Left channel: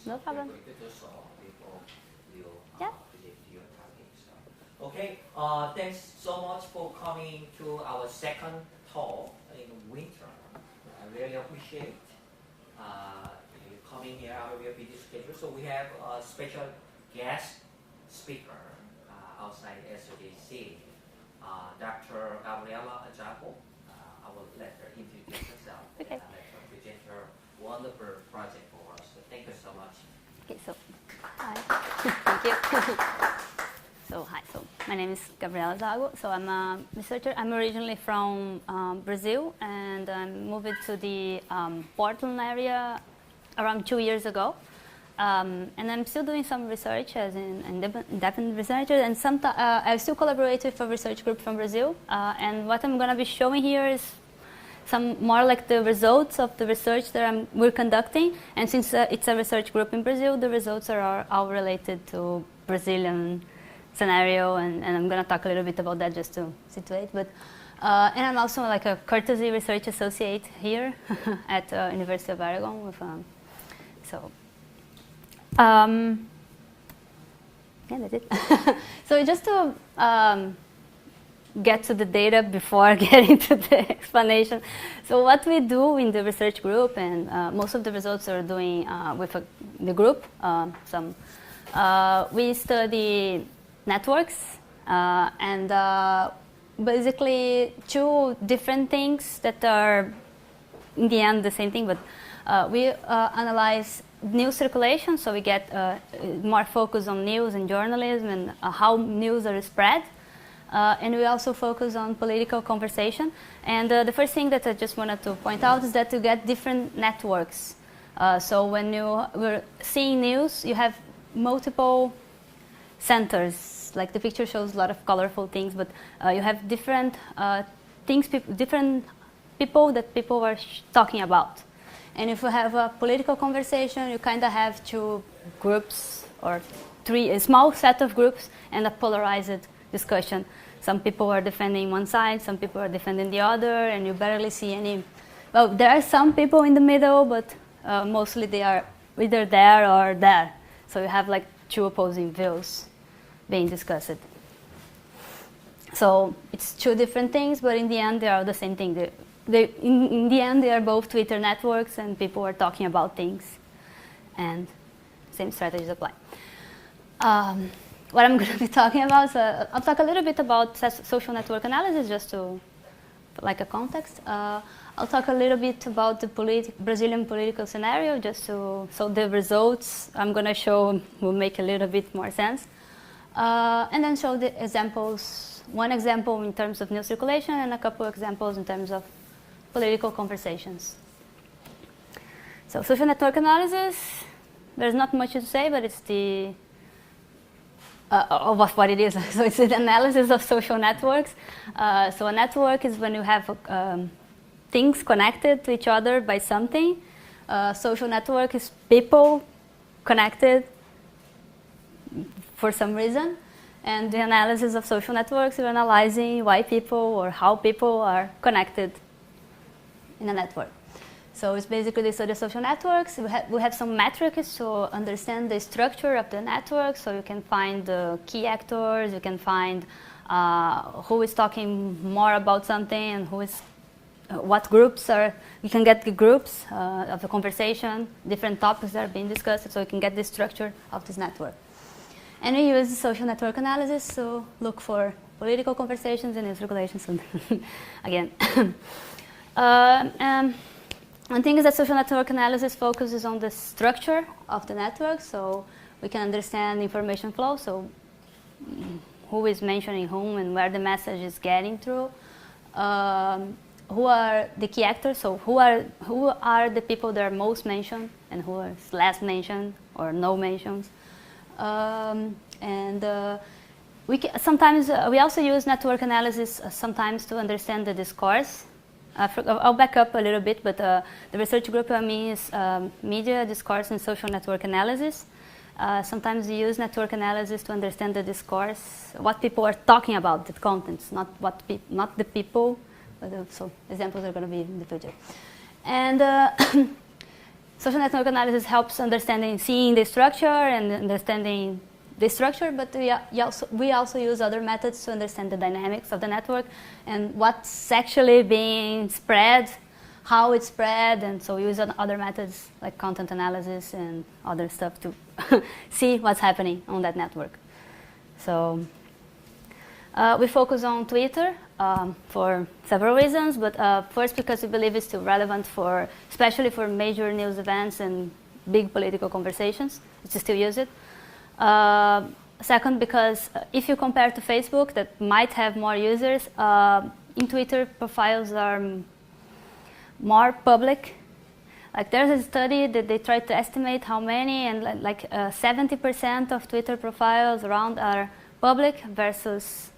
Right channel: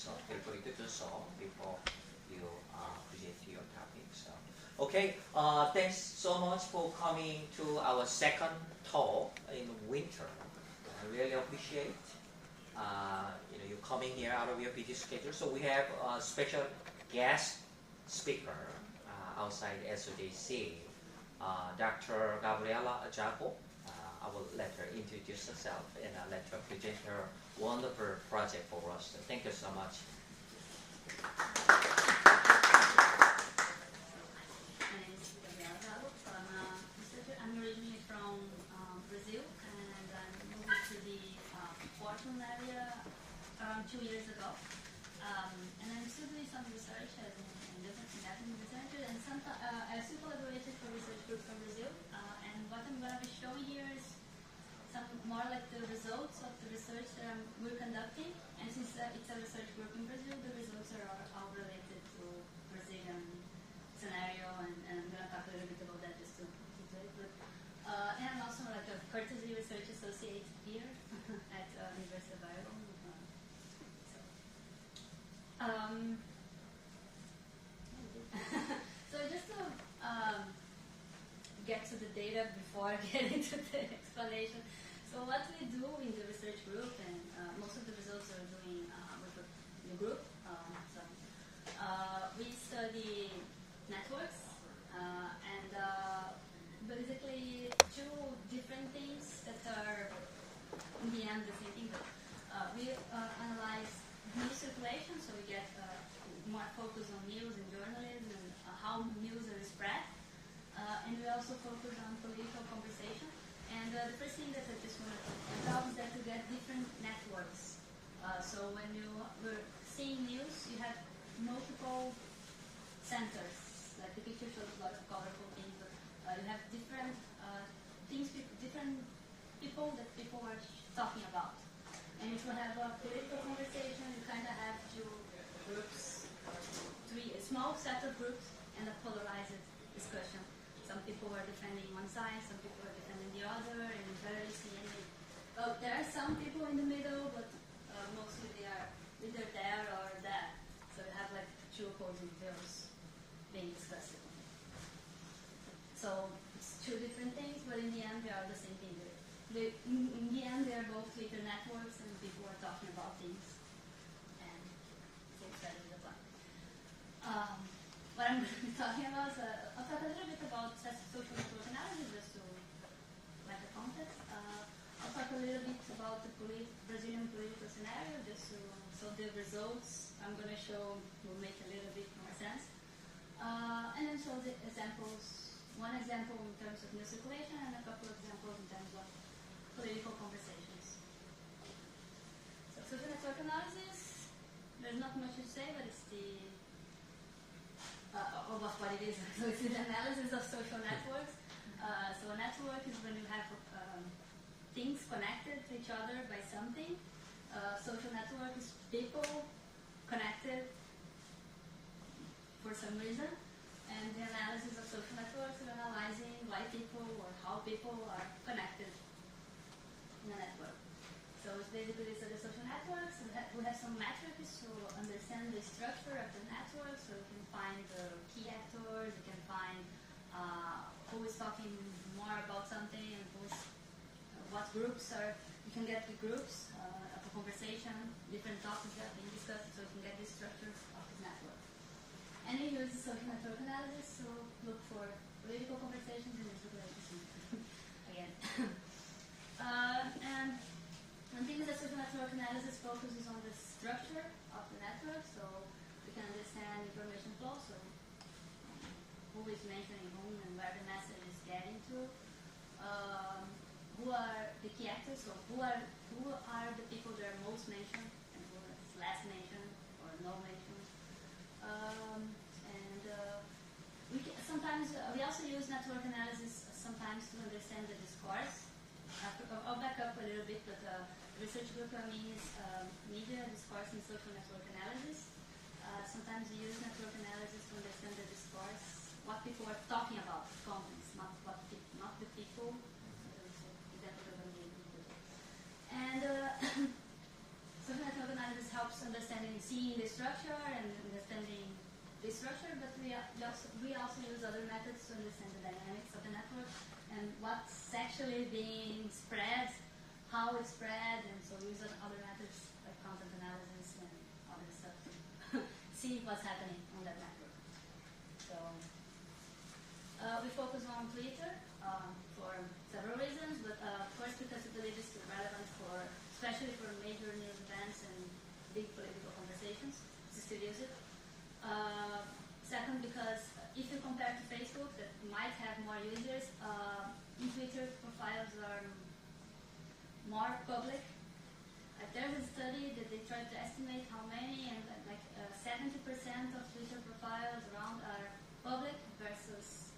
So no problem. we could do so before you Yeah. present your topic. So. Okay, thanks so much for coming to our second talk in winter. I really appreciate you coming here out of your busy schedule. So we have a special guest speaker outside SOJC, Dr. Gabriela Zago. I will let her introduce herself and I'll let her present her wonderful project for us. So thank you so much. Okay, so hi. Thank you. So hi. So my name is Gabriela Zago. So I'm a researcher. I'm originally from Brazil, and I moved to the Portland area around 2 years ago. And I'm still doing some research as an independent researcher, and I still collaborate with a research group from Brazil. And what I'm going to be showing here is some more like the results of the research that we're conducting. And since it's a research group in Brazil, the results are all related to Brazilian scenario, and I'm going to talk a little bit about that just to situate. But and I'm also like a courtesy research associate here at University of Oregon. With, yeah, that's it. So just to get to the data before getting to the explanation. So what we do in the research group, and most of the results are doing with the group, we study networks and basically two different things that are in the end the same thing, but we analyze news circulation, so we get more focus on news and journalism and how news are spread. And we also focus on political conversation. And the first thing that I just wanted to point out is that you get different networks. So when we're seeing news, you have multiple centers. Like the picture shows a lot of colorful things, but you have different things, different people that people are talking about. And if you have a political conversation, you kind of have two groups or a small set of groups and a polarized discussion. Some people are defending one side, some people are defending the other, and you barely see any. Well, there are some people in the middle, but mostly they are either there or there. So you have like two opposing views being discussed. So it's two different things, but in the end they are the same thing. In the end, they are both Twitter networks, and people are talking about things, and same strategies apply. What I'm going to be talking about, so I'll talk a little bit about social network analysis, just to like a context. I'll talk a little bit about the Brazilian political scenario, just so the results I'm going to show will make a little bit more sense, and then show the examples. One example in terms of news circulation, and a couple examples in terms of political conversations. So social network analysis, there's not much to say, but it's the of what it is. So it's the analysis of social networks. So a network is when you have things connected to each other by something. Social network is people connected for some reason. And the analysis of social networks is analyzing why people or how people are connected in a network. So it's basically the study of social networks. We have some metrics to understand the structure of the network, so you can find the key actors, you can find who is talking more about something and who is, what groups are, you can get the groups of the conversation, different topics that are being discussed, so you can get the structure of this network. And we use social network analysis to look for political conversations and news regulations again. One thing is that social network analysis focuses on the structure of the network, so we can understand information flow, so who is mentioning whom and where the message is getting through. Who are the key actors, so who are the people that are most mentioned and who are less mentioned or no mentions. Sometimes we also use network analysis sometimes to understand the discourse. I'll back up a little bit, but the research group I mean is media, discourse, and social network analysis. Sometimes we use network analysis to understand the discourse, what people are talking about, the contents, not the people, but so examples are going to be in the future. And social network analysis helps understanding, seeing the structure and understanding the structure, but we also use other methods to understand the dynamics of the network and what's actually being spread, how it's spread, and so we use other methods like content analysis and other stuff to see what's happening on that network. So we focus on Twitter for several reasons, but first because we believe it's still relevant for, especially for major news events and big political conversations, we still use it. Second, because if you compare to Facebook, that might have more users, in Twitter profiles are more public. Like there's a study that they tried to estimate how many, and like 70% of Twitter profiles around are public versus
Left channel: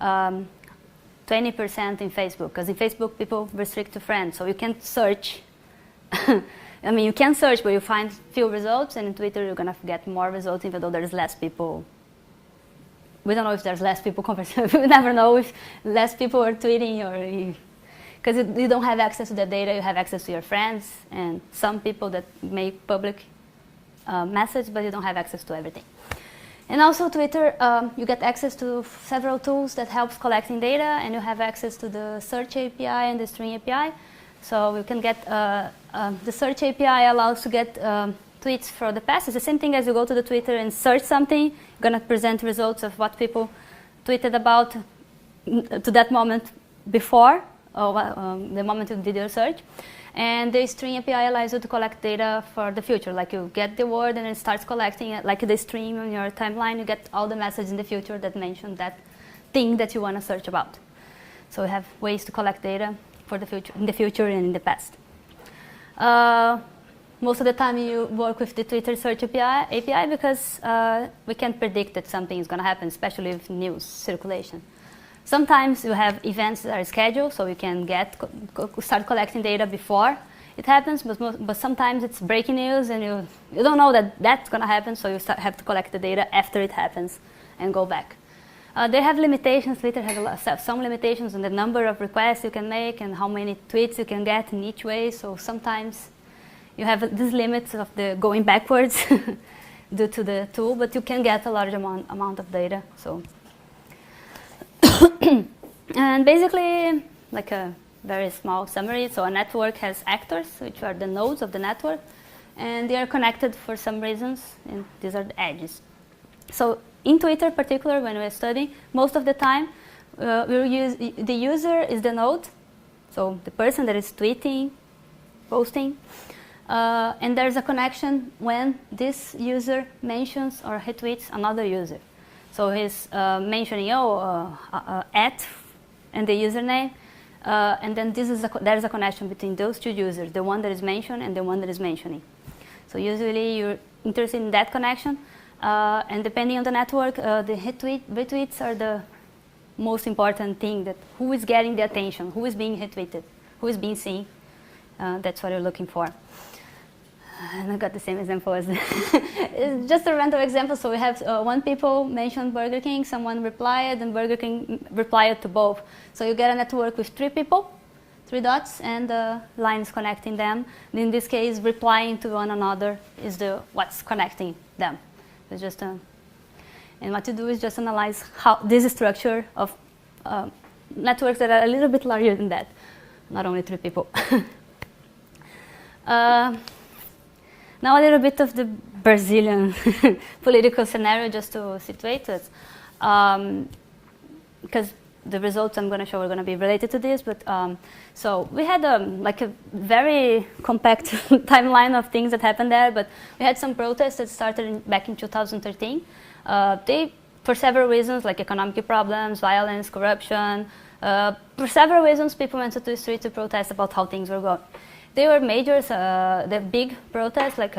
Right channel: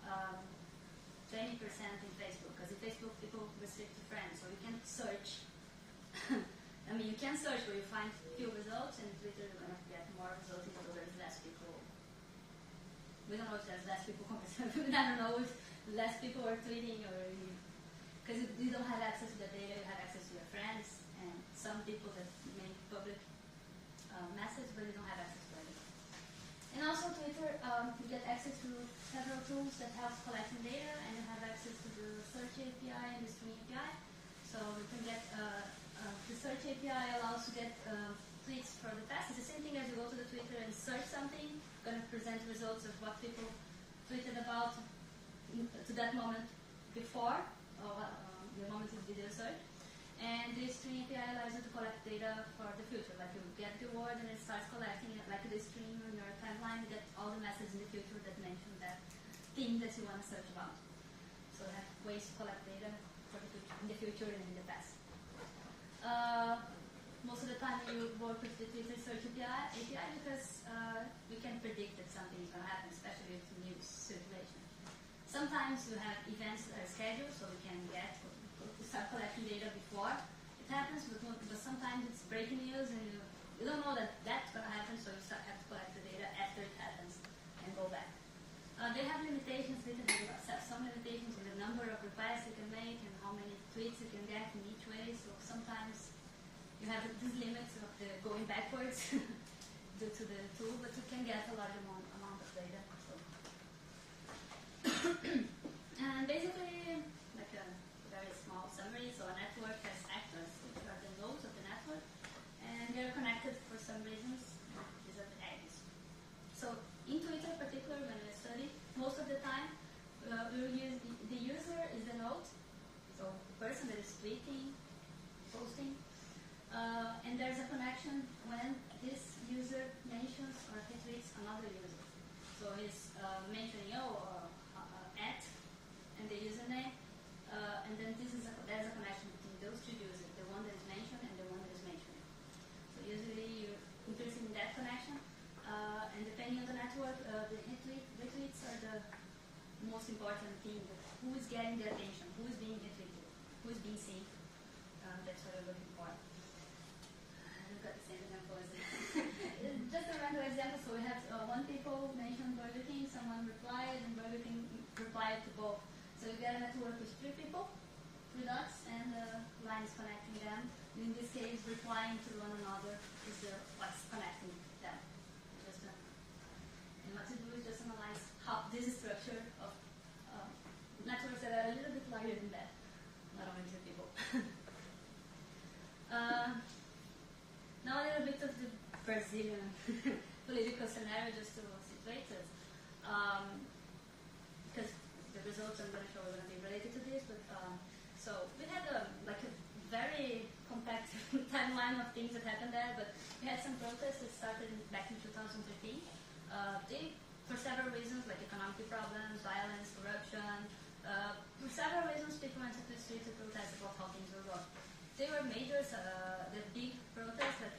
20% in Facebook. Because in Facebook, people restrict to friends, so you can't search. I mean, you can search, but you find few results, and in Twitter, you're gonna get more results, even though there's less people. We don't know if there's less people conversing. We never know if less people are tweeting, or because you don't have access to the data, you have access to your friends and some people that make public message, but you don't have access to everything. And also Twitter, you get access to several tools that helps collecting data, and you have access to the search API and the string API. So you can get, the search API allows to get tweets for the past. It's the same thing as you go to the Twitter and search something, you're gonna present results of what people tweeted about to that moment before, or the moment you did your search. And the string API allows you to collect data for the future. Like you get the word and it starts collecting it, like the stream on your timeline, you get all the messages in the future that mention that thing that you want to search about. So we have ways to collect data for the future, in the future and in the past. Most of the time you work with the Twitter search API because we can't predict that something is going to happen, especially with news circulation. Sometimes you have events that are scheduled, so you can start collecting data before it happens, but sometimes it's breaking news and you don't know that that's going to happen, so you have to collect the data after it happens and go back. They have limitations. Twitter has some limitations on the number of requests you can make and how many tweets you can get in each way, so sometimes you have these limits of the going backwards due to the tool, but you can get a large amount of data. So. And basically, like a very small summary, so a network has actors, which are the nodes of the network, and they are connected for some reasons, and these are the edges. So in Twitter, particularly when we're studying, most of the time, we'll use the user is the node, so the person that is tweeting, posting, and there's a connection when this user mentions or retweets another user. So he's mentioning at and the username, and then there's a connection between those two users, the one that is mentioned and the one that is mentioning. So usually you're interested in that connection, and depending on the network, the retweets are the most important thing, that who is getting the attention, who is being retweeted, who is being seen. That's what you're looking for. And I got the same example as it's just a random example. So we have one people mentioned Burger King, someone replied, and Burger King replied to both. So you get a network with 3 people, 3 dots, and lines connecting them. And in this case, replying to one another is what's connecting them. It's just and what you do is just analyze how this structure of networks that are a little bit larger than that, not only 3 people. Now a little bit of the Brazilian political scenario, just to situate it, because the results I'm going to show are going to be related to this. But so we had like a very compact timeline of things that happened there. But we had some protests that started back in 2013. For several reasons, like economic problems, violence, corruption. For several reasons, people went to the street to protest about how things were going. They were major, the big protests, like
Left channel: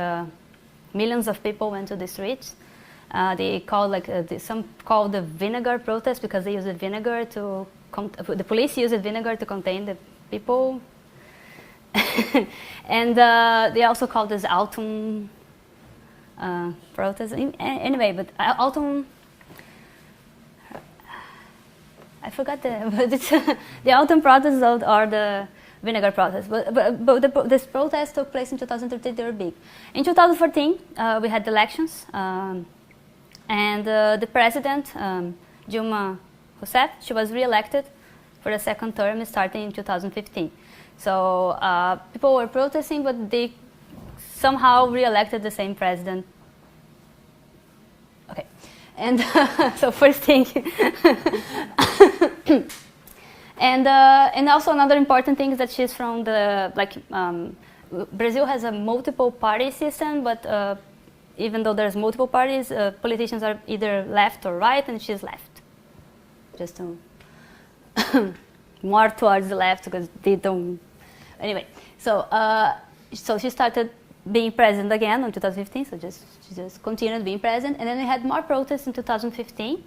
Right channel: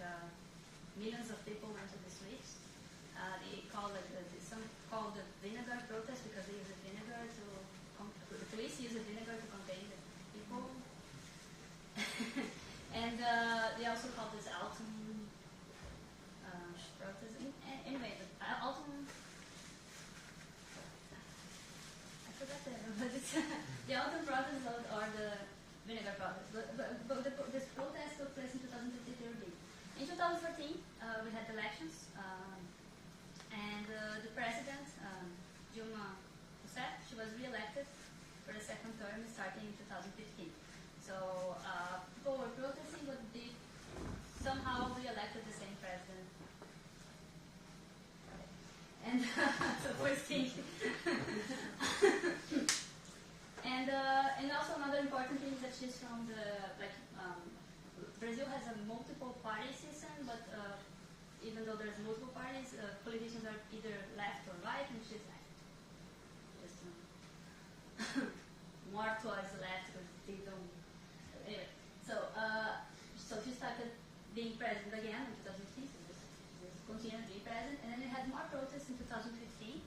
millions of people went to the streets. They called some called the vinegar protest because they used vinegar to, the police used vinegar to contain the people. And they also called this autumn protest. Anyway, but autumn, I forgot the autumn protests are the vinegar protest. But this protest took place in 2013, they were big. In 2014, we had elections, and the president, Dilma Rousseff, she was re-elected for the second term starting in 2015. So people were protesting, but they somehow re-elected the same president. Okay, and so first thing, and also another important thing is that she's from the Brazil has a multiple party system, but even though there's multiple parties, politicians are either left or right, and she's left. Just to more towards the left because they don't. Anyway, so so she started being president again in 2015. So she just continued being president, and then we had more protests in 2015.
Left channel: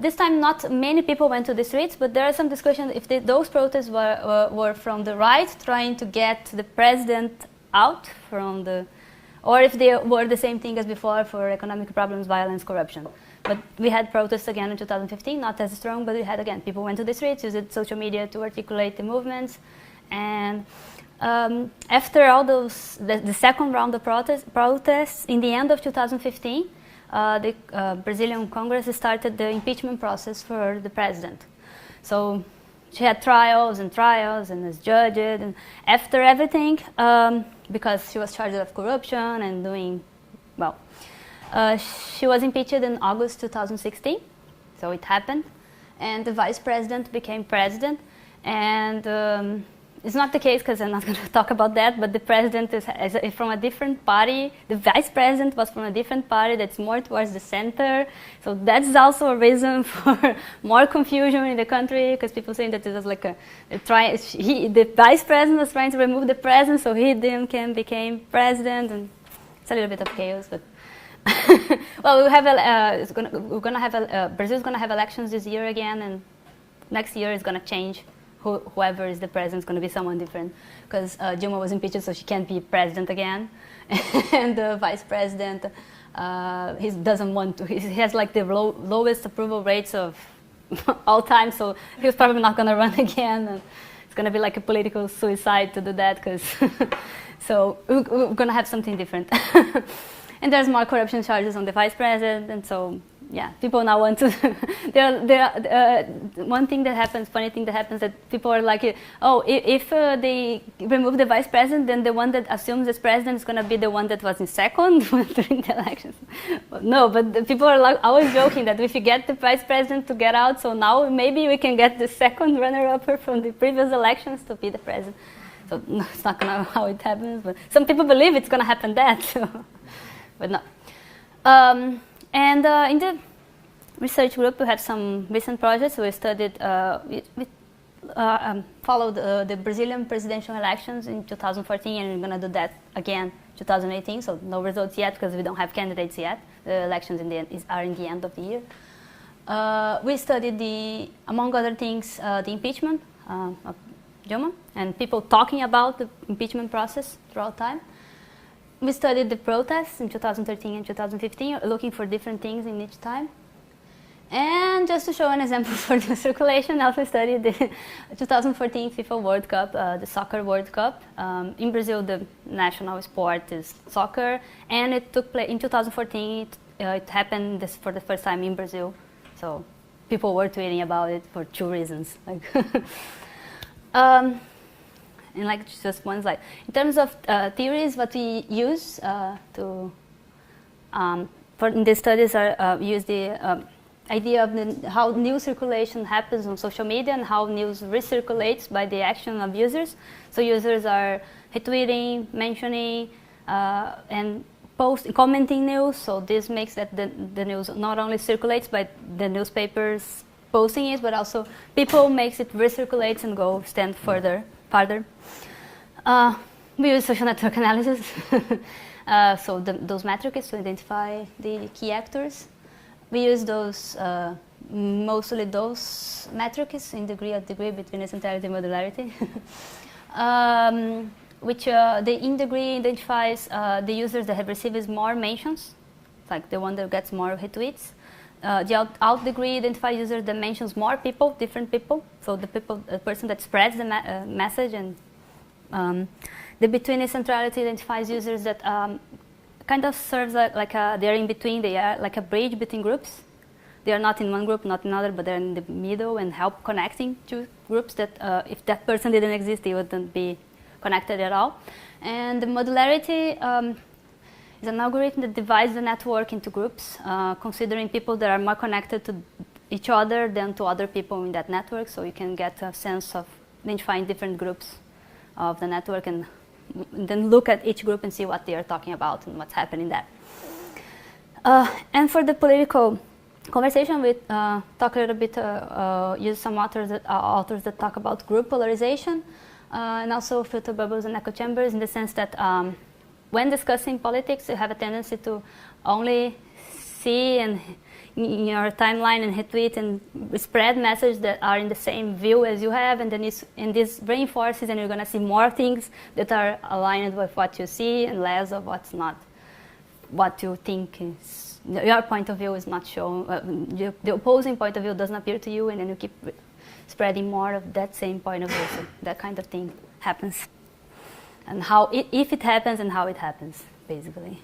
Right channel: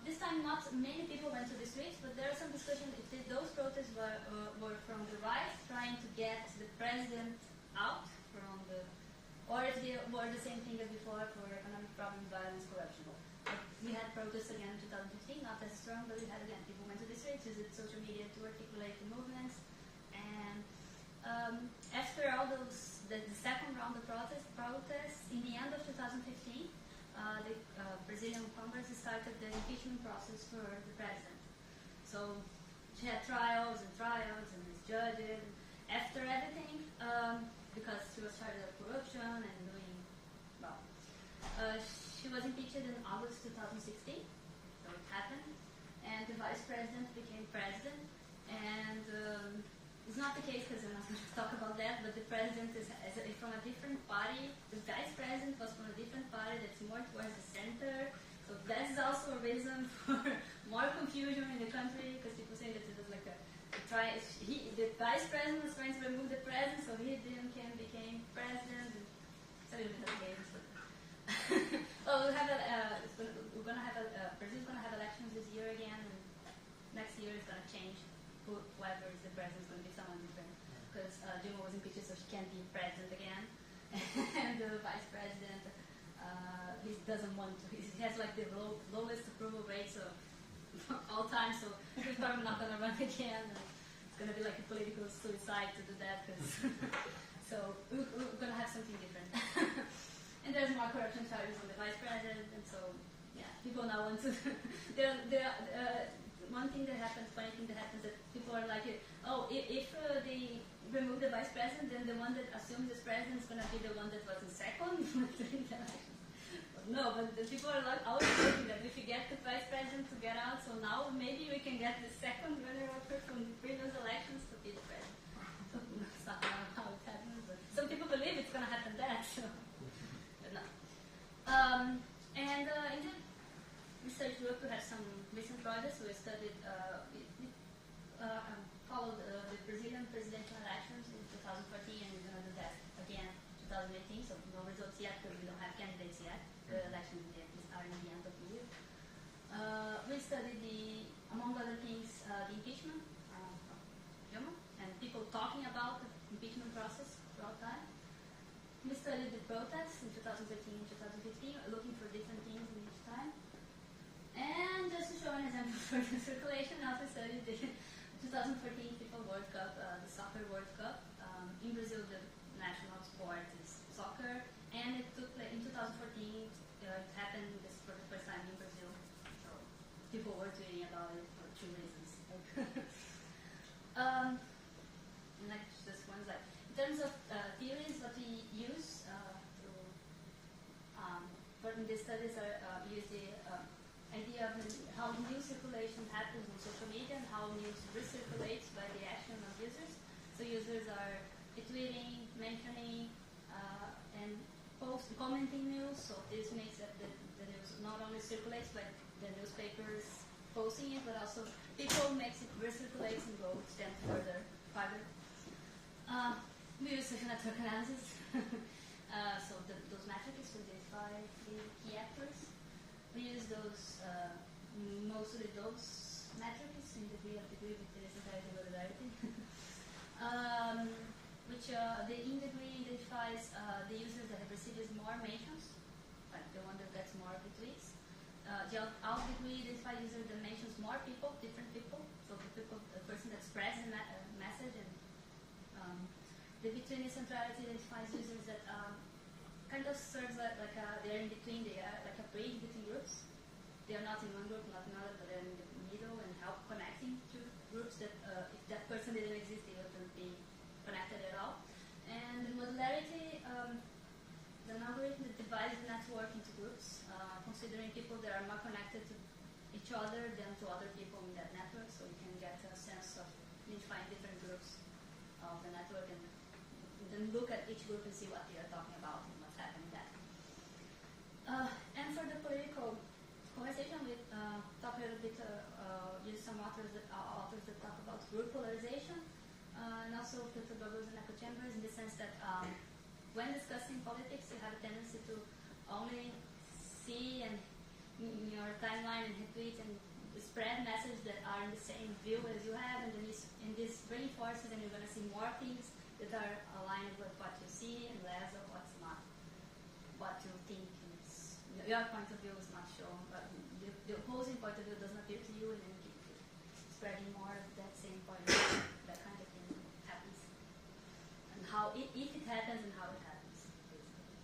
This time, not many people went to the streets, but there are some discussion if those protests were from the right, trying to get the president out from the, or if they were the same thing as before for economic problems, violence, corruption. But we had protests again in 2015, not as strong, but we had again, people went to the streets, used social media to articulate the movements. And after all those, the second round of protests, in the end of 2015, the Brazilian Congress started the impeachment process for the president. So she had trials and was judged, and after everything, because she was charged of corruption and doing, well, she was impeached in August 2016, so it happened, and the vice president became president, and it's not the case because I'm not going to talk about that, but the president is from a different party. The vice president was from a different party that's more towards the center, so that's also a reason for more confusion in the country, because people saying that it was like the vice president was trying to remove the president, so he then became president, and it's a little bit of chaos, but well, Brazil's gonna have elections this year again, and next year is gonna change. Whoever is the president is gonna be someone different, because Dilma was impeached, so she can't be president again, and the vice president, he doesn't want to. He has like the lowest approval rates of all time, so he's probably not gonna run again. And it's gonna be like a political suicide to do that, because so we're gonna have something different. And there's more corruption charges on the vice president, and so yeah, people now want to. One thing that happens, funny thing that happens, that people are like, oh, if they remove the vice president, then the one that assumes as president is going to be the one that was in second during the elections. No, but the people are like always joking that if you get the vice president to get out, so now maybe we can get the second runner-up from the previous elections to be the president. So no, it's not going to how it happens, but some people believe it's going to happen that. So. But no. And in the research group, we had some recent projects. We studied, we followed the Brazilian presidential elections in 2014, and we're going to do that again 2018. So no results yet because we don't have candidates yet. The elections are in the end of the year. We studied among other things, the impeachment of Dilma, and people talking about the impeachment process throughout time. We studied the protests in 2013 and 2015, looking for different things in each time. And just to show an example for the circulation, I also studied the 2014 FIFA World Cup, the Soccer World Cup. In Brazil, the national sport is soccer, and it took place in 2014. It happened for the first time in Brazil, so people were tweeting about it for two reasons. And like just one slide. In terms of theories, what we use for in the studies are use the idea of how news circulation happens on social media and how news recirculates by the action of users. So users are retweeting, mentioning, and commenting news. So this makes that the news not only circulates by the newspapers posting it, but also people makes it recirculates and stand farther. We use social network analysis, so those metrics to identify the key actors. We use those, mostly those metrics in degree between centrality and modularity, which the in degree identifies the users that have received more mentions, like the one that gets more retweets. the out degree identifies user that mentions more people, different people. So the person that spreads the message, and the between centrality identifies users that kind of serves like they're in between. They are like a bridge between groups. They are not in one group, not in another, but they're in the middle and help connecting two groups that if that person didn't exist, they wouldn't be connected at all. And the modularity is an algorithm that divides the network into groups, considering people that are more connected to each other than to other people in that network. So you can get a sense of identifying different groups of the network and then look at each group and see what they are talking about and what's happening there. And for the political conversation, we talk a little bit, use some authors that talk about group polarization and also filter bubbles and echo chambers, in the sense that when discussing politics, you have a tendency to only see and in your timeline and retweet and spread messages that are in the same view as you have, and then this reinforces, and you're going to see more things that are aligned with what you see and less of what's not, what you think is. Your point of view is not shown, the opposing point of view doesn't appear to you, and then you keep spreading more of that same point of view. So that kind of thing happens. And how, if it happens, and how it happens, basically.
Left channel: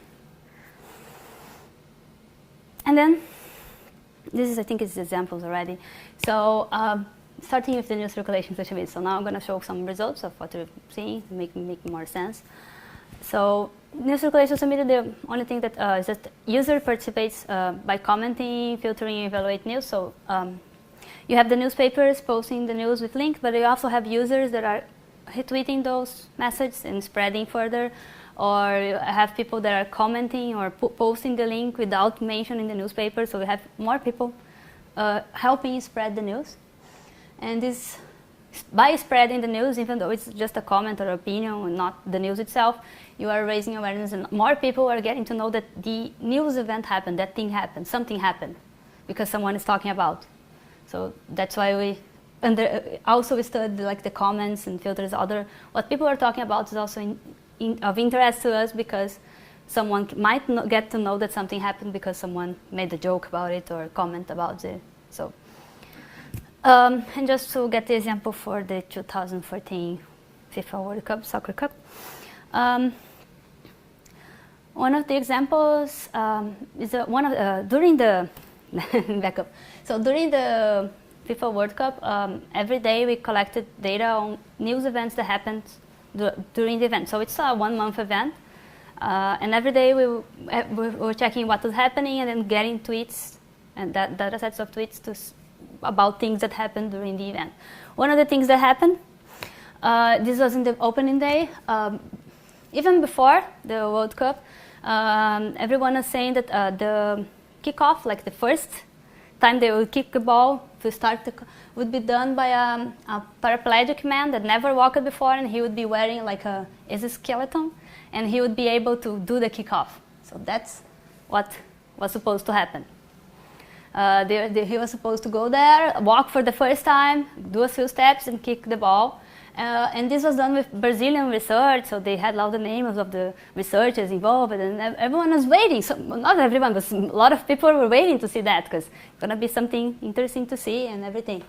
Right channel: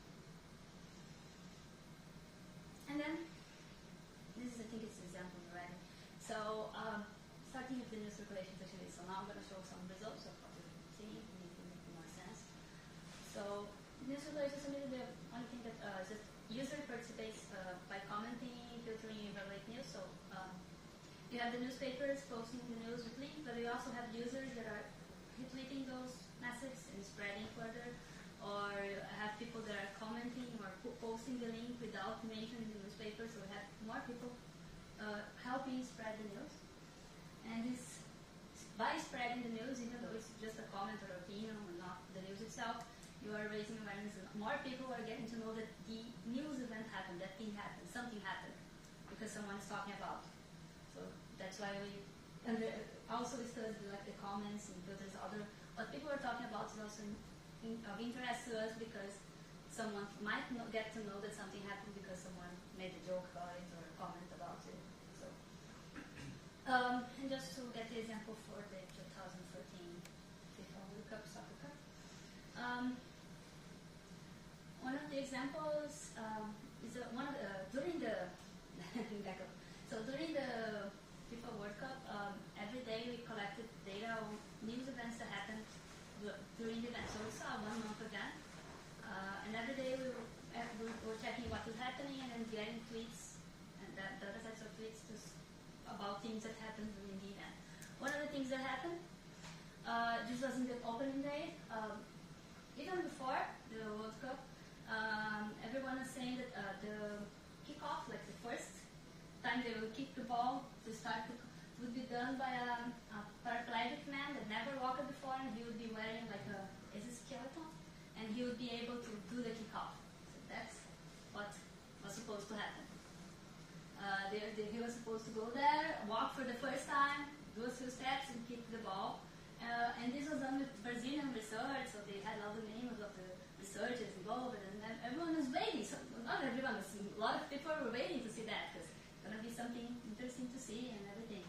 And then, this is, I think, it's examples already. So, starting with the new circulation social media. So now I'm going to show some results of what you're seeing, make more sense. So, new circulation social media, the only thing that is that user participates by commenting, filtering, evaluate news. So, you have the newspapers posting the news with link, but you also have users that are retweeting those messages and spreading further, or you have people that are commenting or posting the link without mentioning the newspaper. So we have more people helping spread the news. And this, by spreading the news, even though it's just a comment or opinion and not the news itself, you are raising awareness, and more people are getting to know that the news event happened, that thing happened, something happened, because someone is talking about. So that's why we also we studied like the comments and filters. What people are talking about is also of interest to us, because someone might get to know that something happened because someone made a joke about it or comment about it. So, and just to get the example for the 2014 FIFA World Cup, Soccer Cup. One of the examples is during the backup. So during the FIFA World Cup, every day we collected data on news events that happened during the event. So it's a 1 month event, and every day we were checking what was happening and then getting tweets and data sets of tweets about things that happened during the event. One of the things that happened, this was in the opening day, even before the World Cup, everyone was saying that the kickoff, like the first time they would kick the ball to start, would be done by a paraplegic man that never walked before, and he would be wearing like a exoskeleton, and he would be able to do the kickoff. So that's what was supposed to happen. He was supposed to go there, walk for the first time, do a few steps, and kick the ball. And this was done with Brazilian research, so they had all the names of the researchers involved, and everyone was waiting. So not everyone, but a lot of people were waiting to see that, because it's going to be something interesting to see and everything.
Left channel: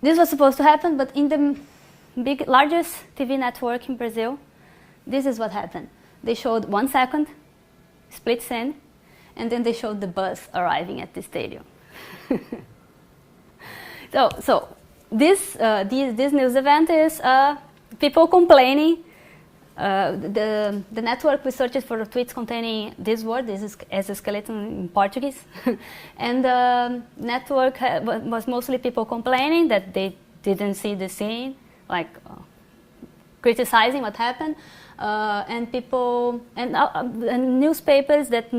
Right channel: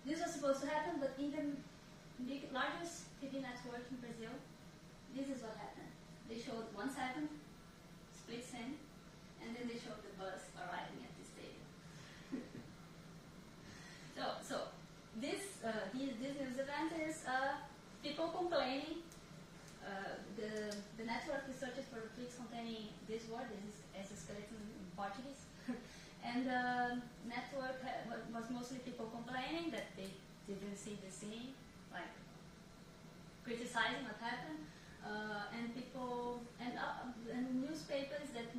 This was supposed to happen, but in the largest TV network in Brazil, this is what happened. They showed 1 second, split scene, and then they showed the bus arriving at the stadium. So this news event is people complaining. The network researches for tweets containing this word, this is exoskeleton in Portuguese. And the network was mostly people complaining that they didn't see the scene, like criticizing what happened. And people, and newspapers that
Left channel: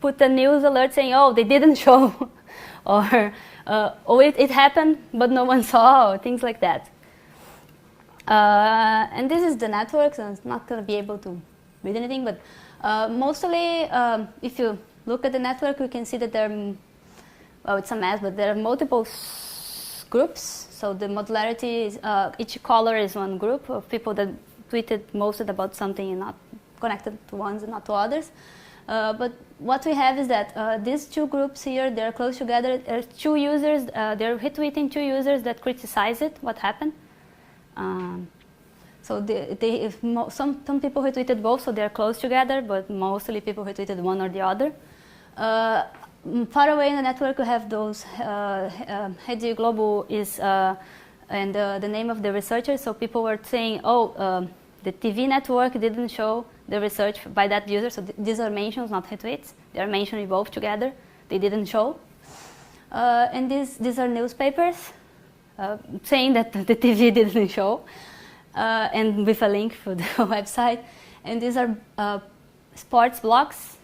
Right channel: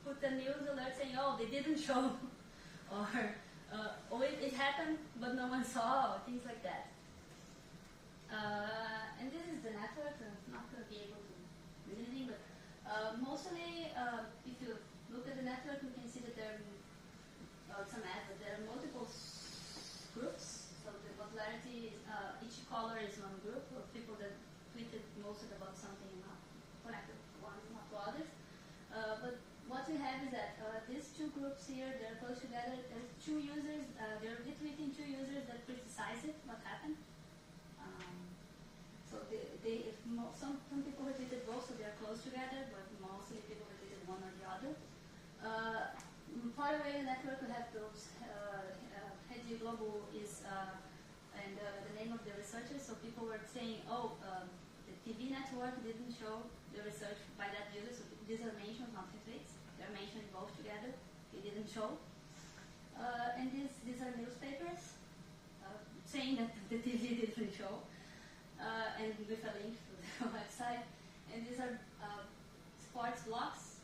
put a news alert saying, oh, they didn't show, or oh, it happened, but no one saw, or things like that. And this is the network, so it's not going to be able to read anything, but mostly, if you look at the network, you can see that there are, well, it's a mess, but there are multiple groups. So the modularity is, each color is one group of people that tweeted mostly about something and not connected to ones and not to others. But what we have is that these two groups here, they're close together. There's two users, they're retweeting two users that criticize it, what happened. So some people retweeted both, so they're close together, but mostly people retweeted one or the other. Far away in the network, we have those, Rede Globo is, and the name of the researcher, so people were saying, oh, the TV network didn't show the research by that user, so these are mentions, not retweets. They are mentioning both together. They didn't show. And these are newspapers saying that the TV didn't show, and with a link for the website. And these are sports blogs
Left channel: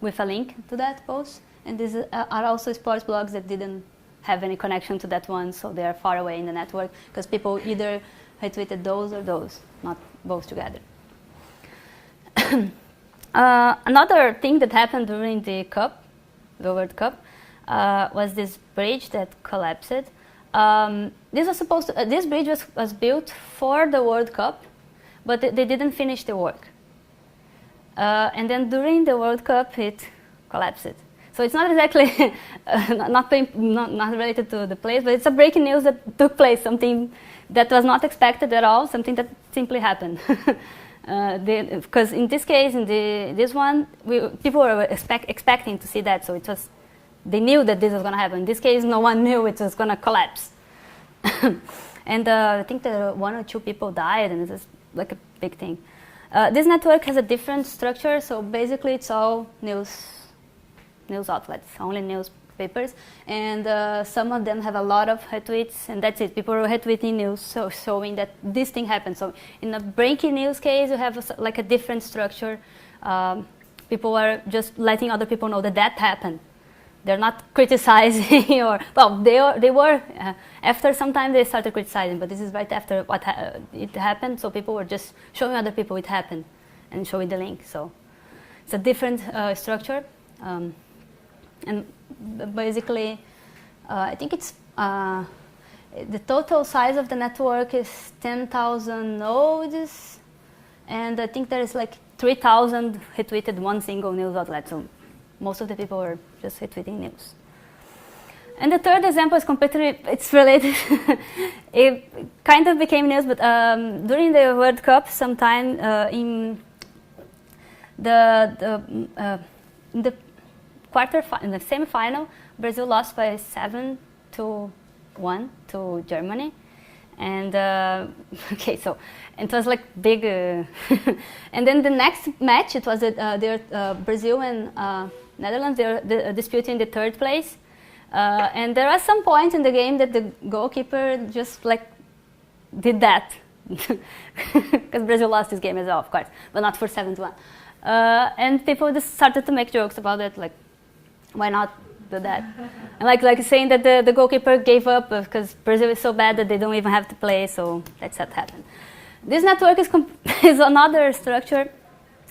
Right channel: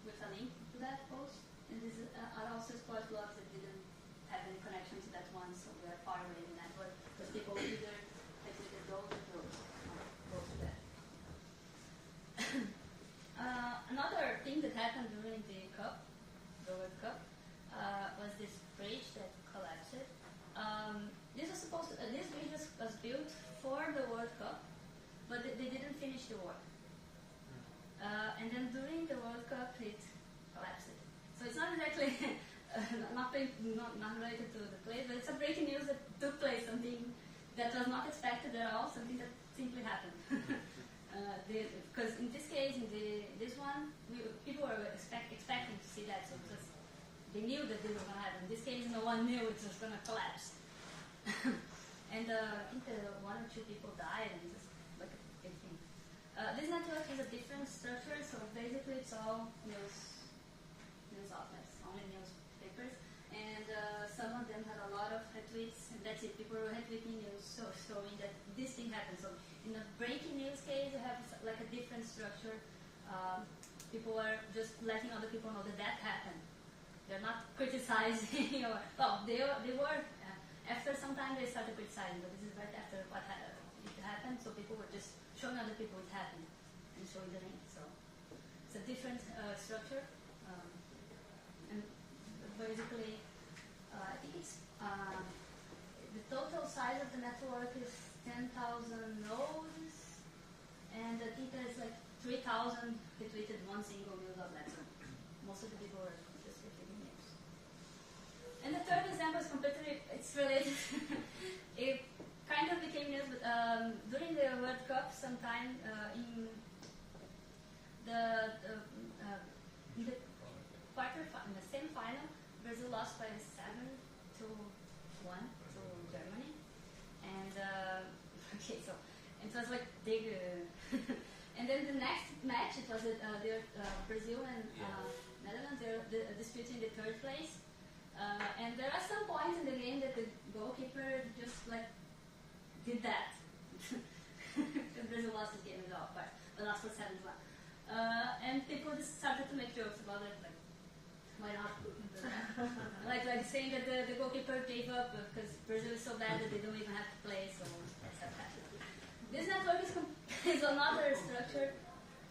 with a link to that post. And these are also sports blogs that didn't have any connection to that one, so they are far away in the network, because people either retweeted those or those, not both together. Another thing that happened during the Cup, the World Cup, was this bridge that collapsed. This bridge was built for the World Cup, but they didn't finish the work. And then during the World Cup, it collapsed. So it's not exactly not related to the place, but it's a breaking news that took place, something that was not expected at all, something that simply happened. Because in this case, in this one, people were expecting to see that, so they knew that this was going to happen. In this case, no one knew it was going to collapse. And I think that one or two people died, and it's like a big thing. This network has a different structure, so basically it's all news outlets, only newspapers, and some of them have a lot of retweets, and that's it. People are retweeting news, so showing that this thing happened. So in a breaking news case, you have like a different structure. People are just letting other people know that happened. They're not criticizing, or well, they were. After some time, they started criticizing, but this is right after it happened. So people were just showing other people it happened, and showing the link. So it's a different structure. And basically, I think it's the total size of the network is 10,000 nodes, and I think there is like 3,000 retweeted one single news outlet. So most of the people were just retweeting news. And the third example is completely, it's related. It kind of became news, but during the World Cup, sometime in the in the semi-final, Brazil lost by 7-1 to Germany, and okay, so it was like big. And then the next match, it was Brazil and Netherlands. They're disputing the third place, and there was some point in the game that the goalkeeper just like did that, because Brazil lost this game as well, of course, but not for 7-1. And people just started to make jokes about it, like, why not do that? And like saying that the goalkeeper gave up because Brazil is so bad that they don't even have to play, so that's what happened. This network is another structure.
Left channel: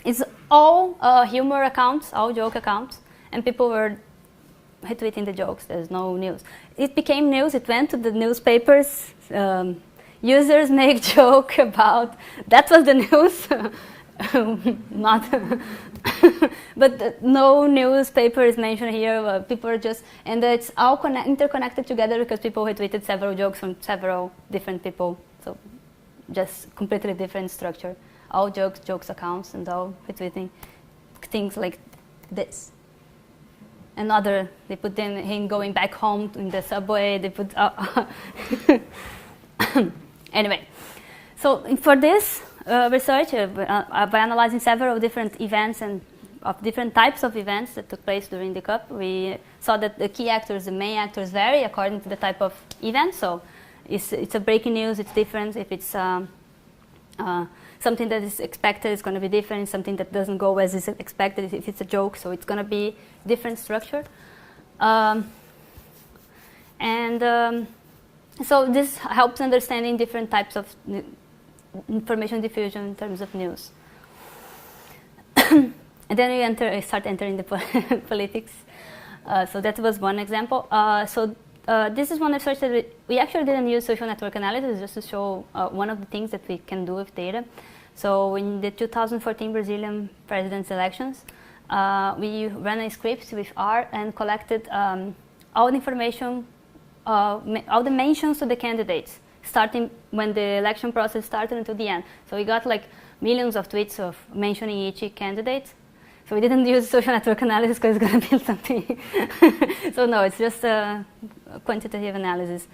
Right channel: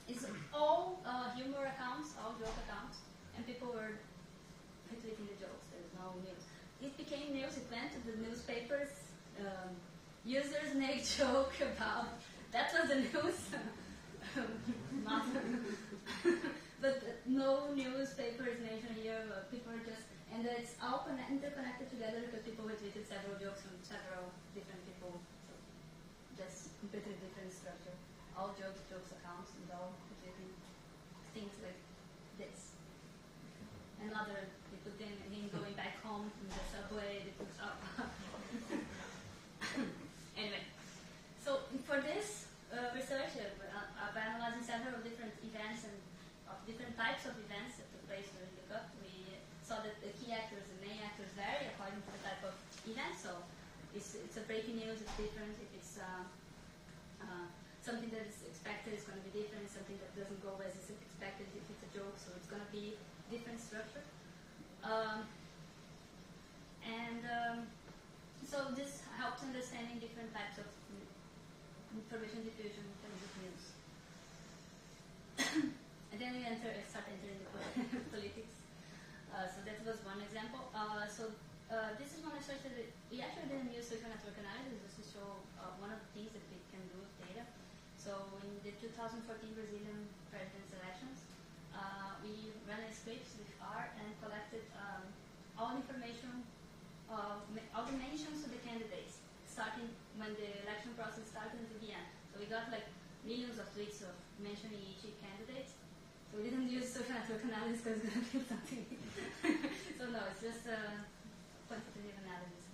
It's all humor accounts, all joke accounts, and people were retweeting the jokes. There's no news. It became news. It went to the newspapers. Users make joke about that was the news. Not, but no newspaper is mentioned here. People are just, and it's all interconnected together because people retweeted several jokes from several different people. So just completely different structure. All jokes accounts, and all retweeting things like this. Another, they put in him going back home in the subway. They put anyway. So for this research, by analyzing several different events and of different types of events that took place during the Cup, we saw that the key actors, the main actors, vary according to the type of event. So it's a breaking news, it's different. If it's something that is expected, it's going to be different. Something that doesn't go as is expected, if it's a joke, so it's going to be different structure. So this helps understanding different types of information diffusion in terms of news. And then we start entering the politics. So that was one example. This is one research that we actually didn't use social network analysis just to show one of the things that we can do with data. So in the 2014 Brazilian president's elections, we ran a script with R and collected all the information, all the mentions to the candidates, starting when the election process started until the end. So we got like millions of tweets of mentioning each candidate. So we didn't use social network analysis because it's going to be something. So no, it's just quantitative analysis.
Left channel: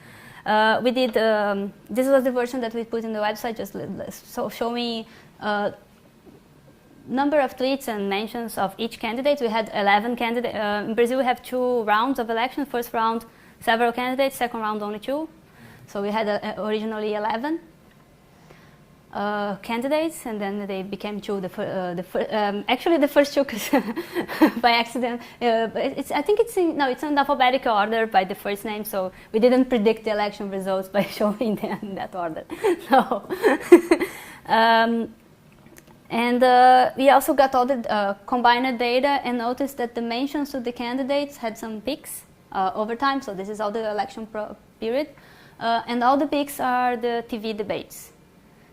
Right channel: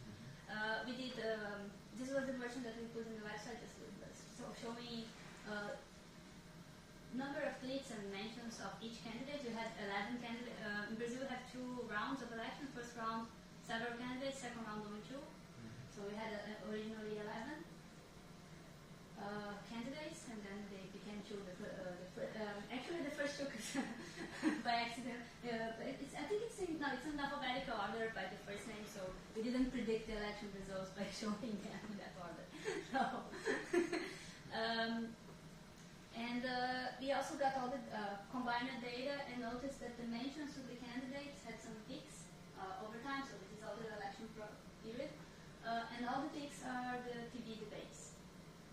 We did, this was the version that we put in the website, just so showing number of tweets and mentions of each candidate. We had 11 candidates. In Brazil, we have 2 rounds of elections. First round, several candidates. Second round, only 2. So we had originally 11 candidates, and then they became 2. Actually, the first 2 by accident. I think it's in alphabetical order by the first name. So we didn't predict the election results by showing them in that order. No. And we also got all the combined data and noticed that the mentions to the candidates had some peaks over time. So this is all the election period. And all the peaks are the TV debates.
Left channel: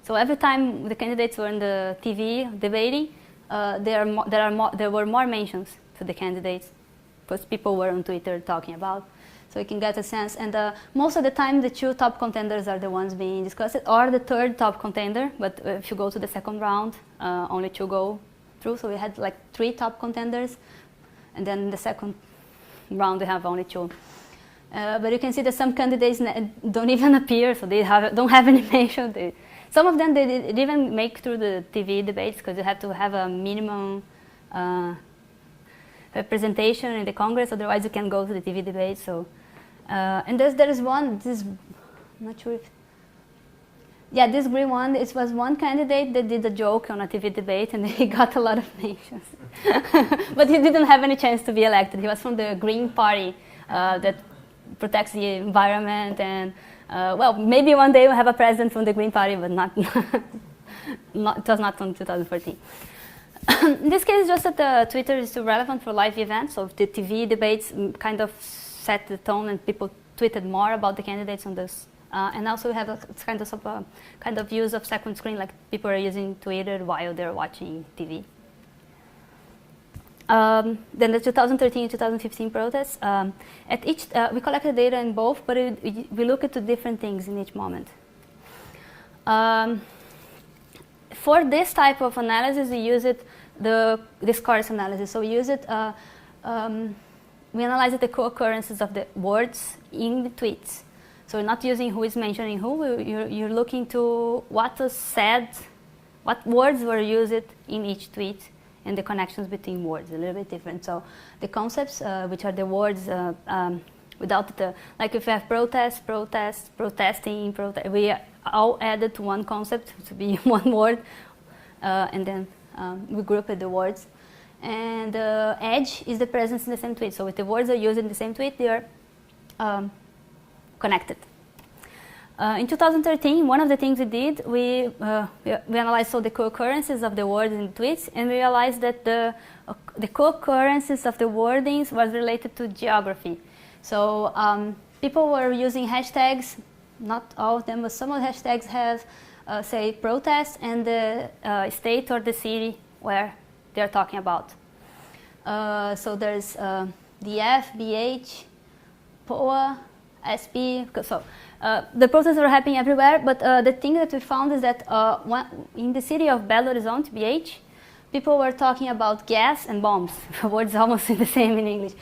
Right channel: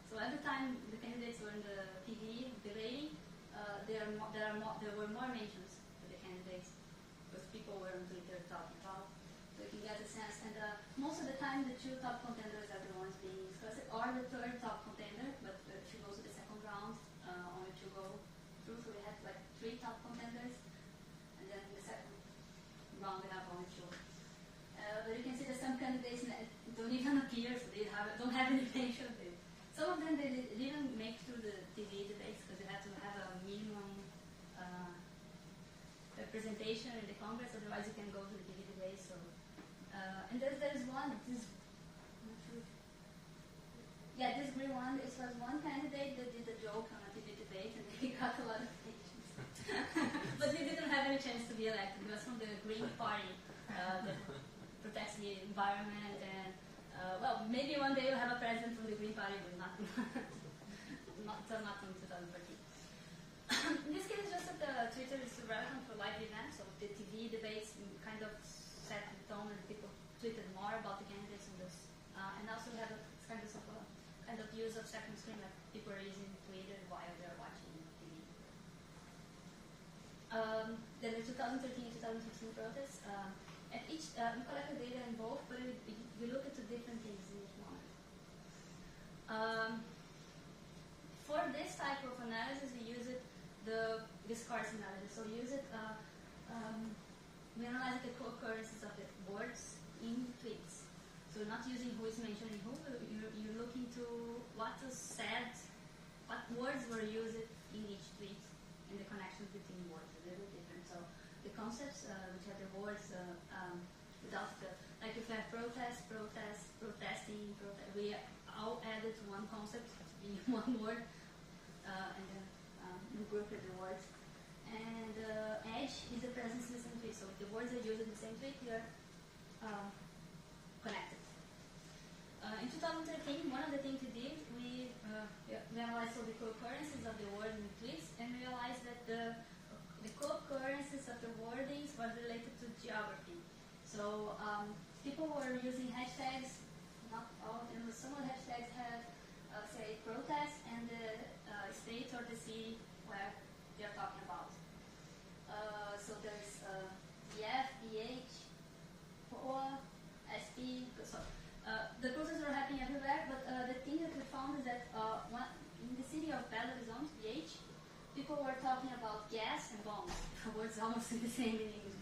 So every time the candidates were in the TV debating, there were more mentions to the candidates because people were on Twitter talking about. So you can get a sense. And most of the time, the 2 top contenders are the ones being discussed, or the 3rd top contender. But if you go to the second round, only 2 go through. So we had like 3 top contenders. And then in the second round, we have only 2. But you can see that some candidates don't even appear, so they don't have any mention. Some of them, they didn't even make through the TV debates because you have to have a minimum representation in the Congress, otherwise you can go to the TV debate. So, and there is one, I'm not sure if, yeah, this green one, it was one candidate that did a joke on a TV debate and he got a lot of mentions. But he didn't have any chance to be elected. He was from the Green Party that protects the environment and, well, maybe one day we'll have a president from the Green Party, but not, it was not from 2014. In this case, just that Twitter is too relevant for live events, so the TV debates kind of set the tone and people tweeted more about the candidates on this. And also we have a kind of use of second screen, like people are using Twitter while they're watching TV. Then the 2013 and 2015 protests, at each, we collected data in both, but we look at different things in each moment. For this type of analysis, we use the discourse analysis. So we use it, we analyze the co-occurrences of the words in the tweets. So we're not using who is mentioning who, you're looking to what was said, what words were used in each tweet, and the connections between words, a little bit different. So the concepts, which are the words without the, like if you have protest, protesting, we all added to one concept to be one word, and then we grouped the words. And edge is the presence in the same tweet. So if the words are used in the same tweet, they are connected. In 2013, one of the things we did, we analyzed all the co-occurrences of the words in the tweets, and we realized that the co-occurrences of the wordings was related to geography. So people were using hashtags, not all of them, but some of the hashtags have, say, protest and the state or the city where they're talking about. So there's DF, BH, POA, SP, so the protests were happening everywhere, but the thing that we found is that in the city of Belo Horizonte, BH, people were talking about gas and bombs. The words almost the same in English.